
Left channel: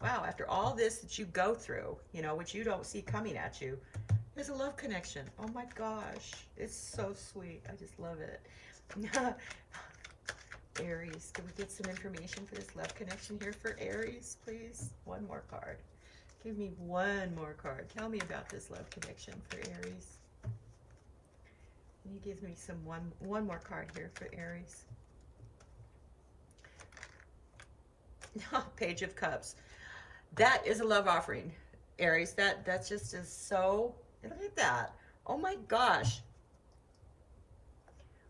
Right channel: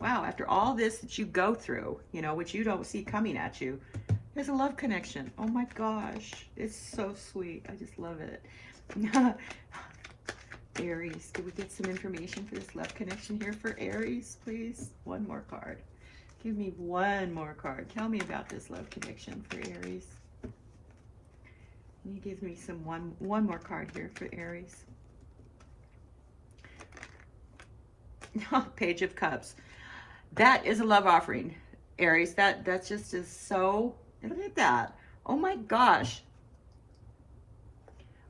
Wow, after all this that you go through, you know, which you don't see coming at you, there's a love connection. Oh my gosh, it's so sweet. I just love it. Aries, can we get some information for this love connection here for Aries, please? One more card. Give me one more card. Tell me about this love connection for Aries. Can you give me some one more card here for Aries? Page of Cups. That is a love offering, Aries. That just is so. Look at that. Oh my gosh.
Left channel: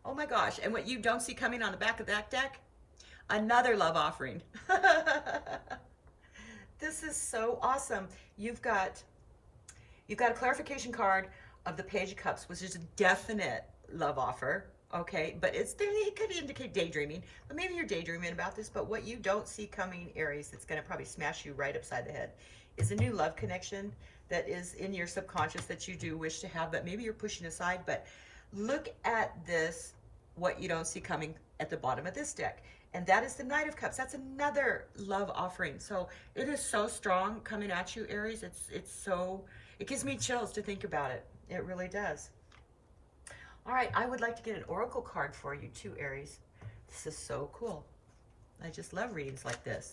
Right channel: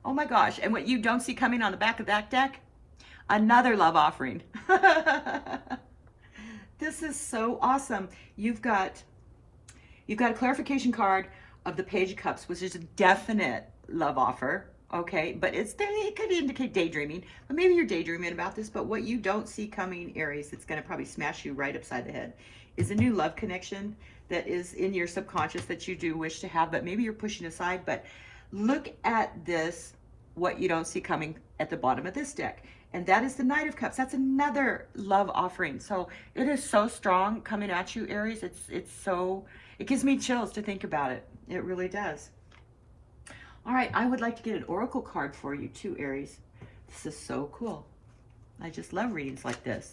Oh my gosh. And what you don't see coming on the back of that deck? Another love offering. This is so awesome. You've got a clarification card of the Page of Cups, which is a definite love offer. Okay, but it could indicate daydreaming. But maybe you're daydreaming about this, but what you don't see coming, Aries, it's going to probably smash you right upside the head, is a new love connection that is in your subconscious that you do wish to have, but maybe you're pushing aside. But look at this, what you don't see coming at the bottom of this deck. And that is the Knight of Cups. That's another love offering. So it is so strong coming at you, Aries. It gives me chills to think about it. It really does. All right, I would like to get an oracle card for you too, Aries. This is so cool. I just love readings like this.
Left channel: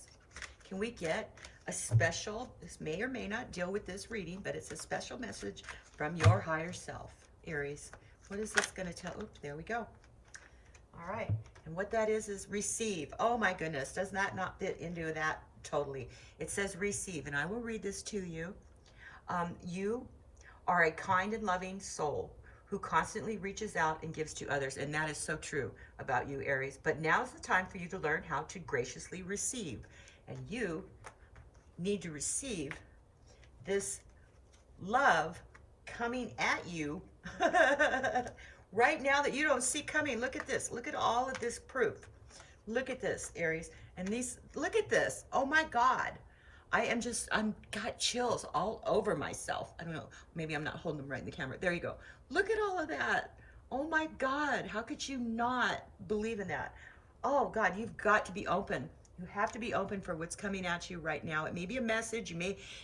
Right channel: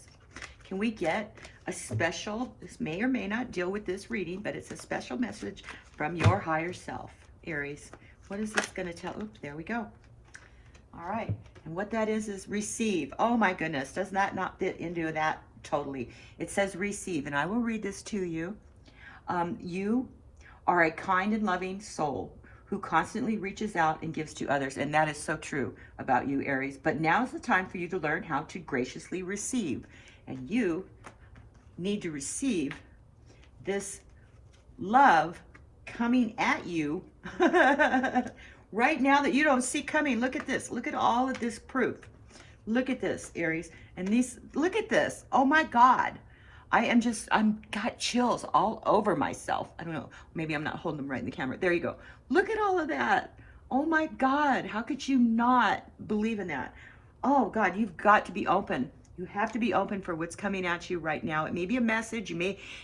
Can we get a special, this may or may not deal with this reading, but it's a special message from your higher self, Aries. What is this going to tell? Oops, there we go. All right, and what that is receive. Oh my goodness, does that not fit into that totally? It says receive, and I will read this to you. You are a kind and loving soul who constantly reaches out and gives to others, and that is so true about you, Aries. But now is the time for you to learn how to graciously receive, and you need to receive this love coming at you right now that you don't see coming. Look at this. Look at all of this proof. Look at this, Aries. And look at this. Oh my God. I'm got chills all over myself. I don't know. Maybe I'm not holding them right in the camera. There you go. Look at all of that. Oh my God. How could you not believe in that? Oh God, you've got to be open. You have to be open for what's coming at you right now. It may be a message.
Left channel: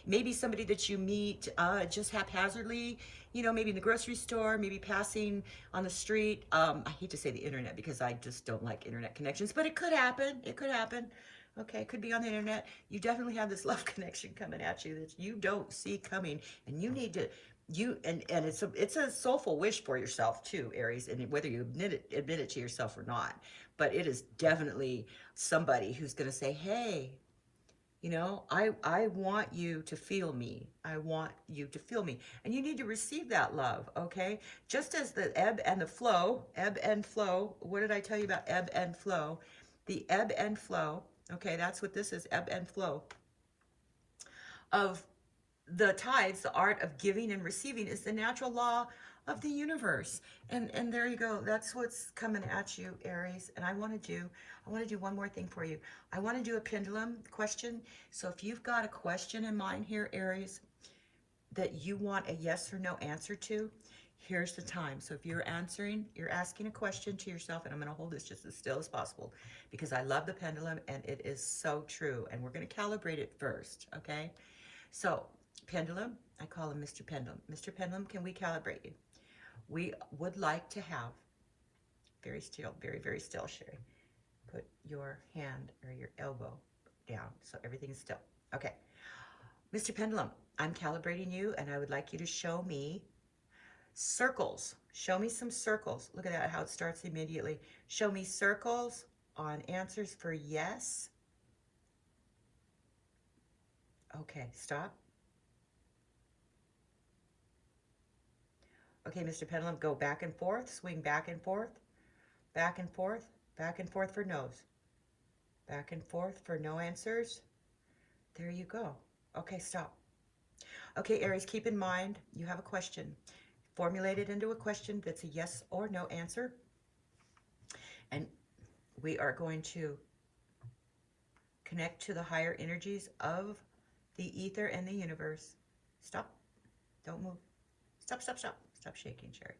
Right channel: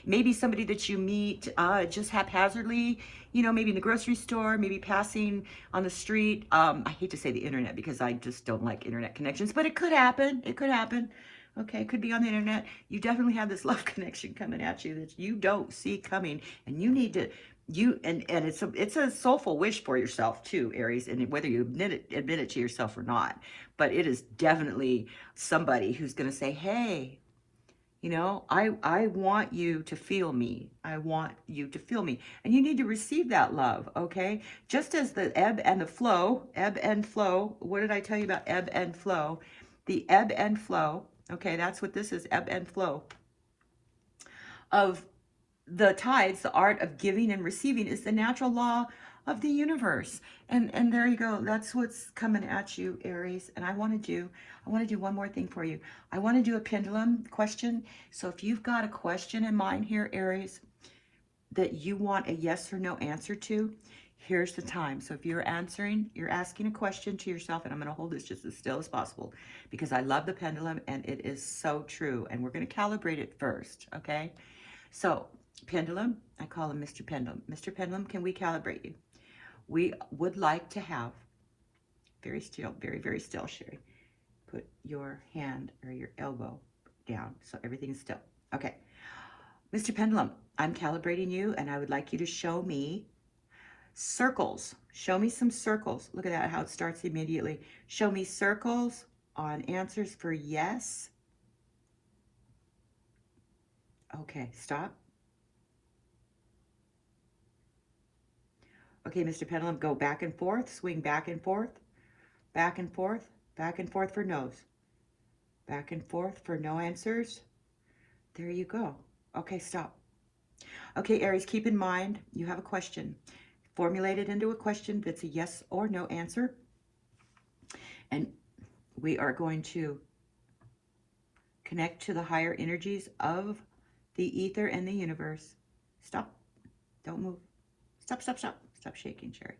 Maybe somebody that you meet just haphazardly, you know, maybe in the grocery store, maybe passing on the street. I hate to say the internet because I just don't like internet connections, but it could happen. It could happen. Okay, it could be on the internet. You definitely have this love connection coming at you that you don't see coming, and you need to, and it's a soulful wish for yourself too, Aries, and whether you admit it to yourself or not. But it is definitely somebody who's going to say, hey, you know, I want you to feel me. I want you to feel me. And you need to receive that love, okay? Just as the ebb and flow, what did I tell you about ebb and flow? The ebb and flow, okay, that's what this is, ebb and flow of the tides. The art of giving and receiving is the natural law of the universe. And there you go. That's what's coming at you, Aries. And I want to do one more thing for you. I want to do a pendulum question. So if you've got a question in mind here, Aries, that you want a yes or no answer to, here's the time. So if you're asking a question to yourself, and I'm going to hold this just as still as possible because I love the pendulum and it is so true. And we're going to calibrate it first, okay? So pendulum, I call him Mr. Pendulum. Mr. Pendulum, can we calibrate you? We would like to have, very still, very, very still, Sherry. Put your hand or your elbow down so everything is still. Okay. Mr. Pendulum, I'm calibrating you and I would like you to show me Circles. Show me some circles. Look at that, how it starts immediately. Show me circles on answers for yes. Okay, stop. Okay, Mr. Pendulum, go back and forth, swing back and forth, back and forth, back and forth for no's. Back and forth for no answers. There you go. Okay, stop. Okay, Aries, keep in mind, you have a question. Formulate it into a question that's a yes or no answer. And we are going to connect to the higher energies of the ether and the universe. Stop. Don't move. Stop, stop, stop. Stop shaking, Sherry.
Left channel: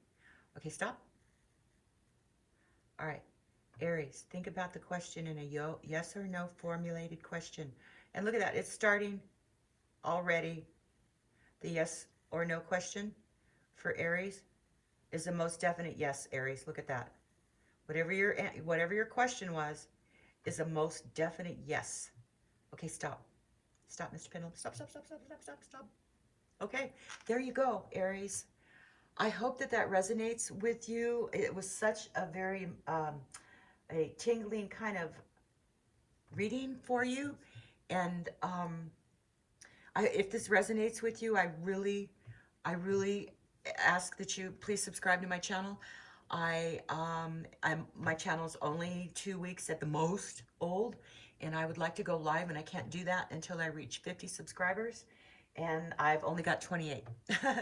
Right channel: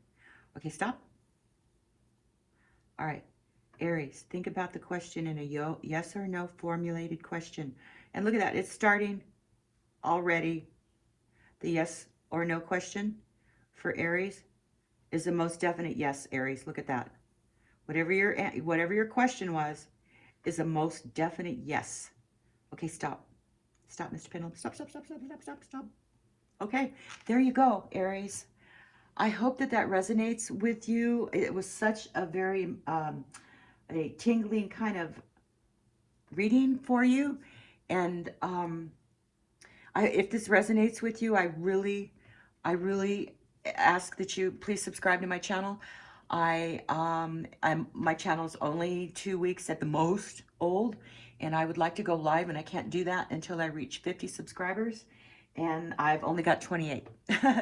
Okay, stop. All right. Aries, think about the question in a yes or no formulated question. And look at that. It's starting already. The yes or no question for Aries is the most definite yes, Aries. Look at that. Whatever your question was is the most definite yes. Okay, stop. Stop, Mr. Pendulum. Stop, stop, stop, stop, stop, stop, stop. Okay, there you go, Aries. I hope that that resonates with you. It was such a very a tingling kind of reading for you. And if this resonates with you, I really ask that you please subscribe to my channel. My channel's only 2 weeks at the most old, and I would like to go live, and I can't do that until I reach 50 subscribers, and I've only got 28.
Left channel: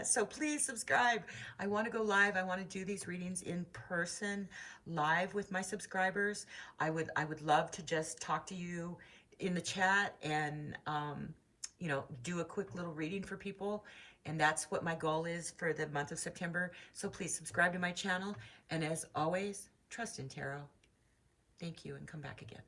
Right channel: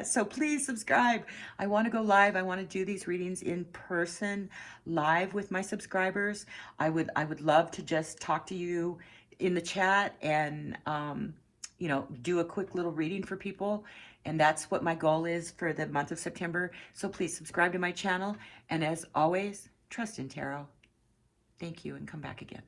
So please subscribe. I want to go live. I want to do these readings in person, live with my subscribers. I would love to just talk to you in the chat and you know, do a quick little reading for people. And that's what my goal is for the month of September. So please subscribe to my channel. And as always, trust in tarot. Thank you, and come back again.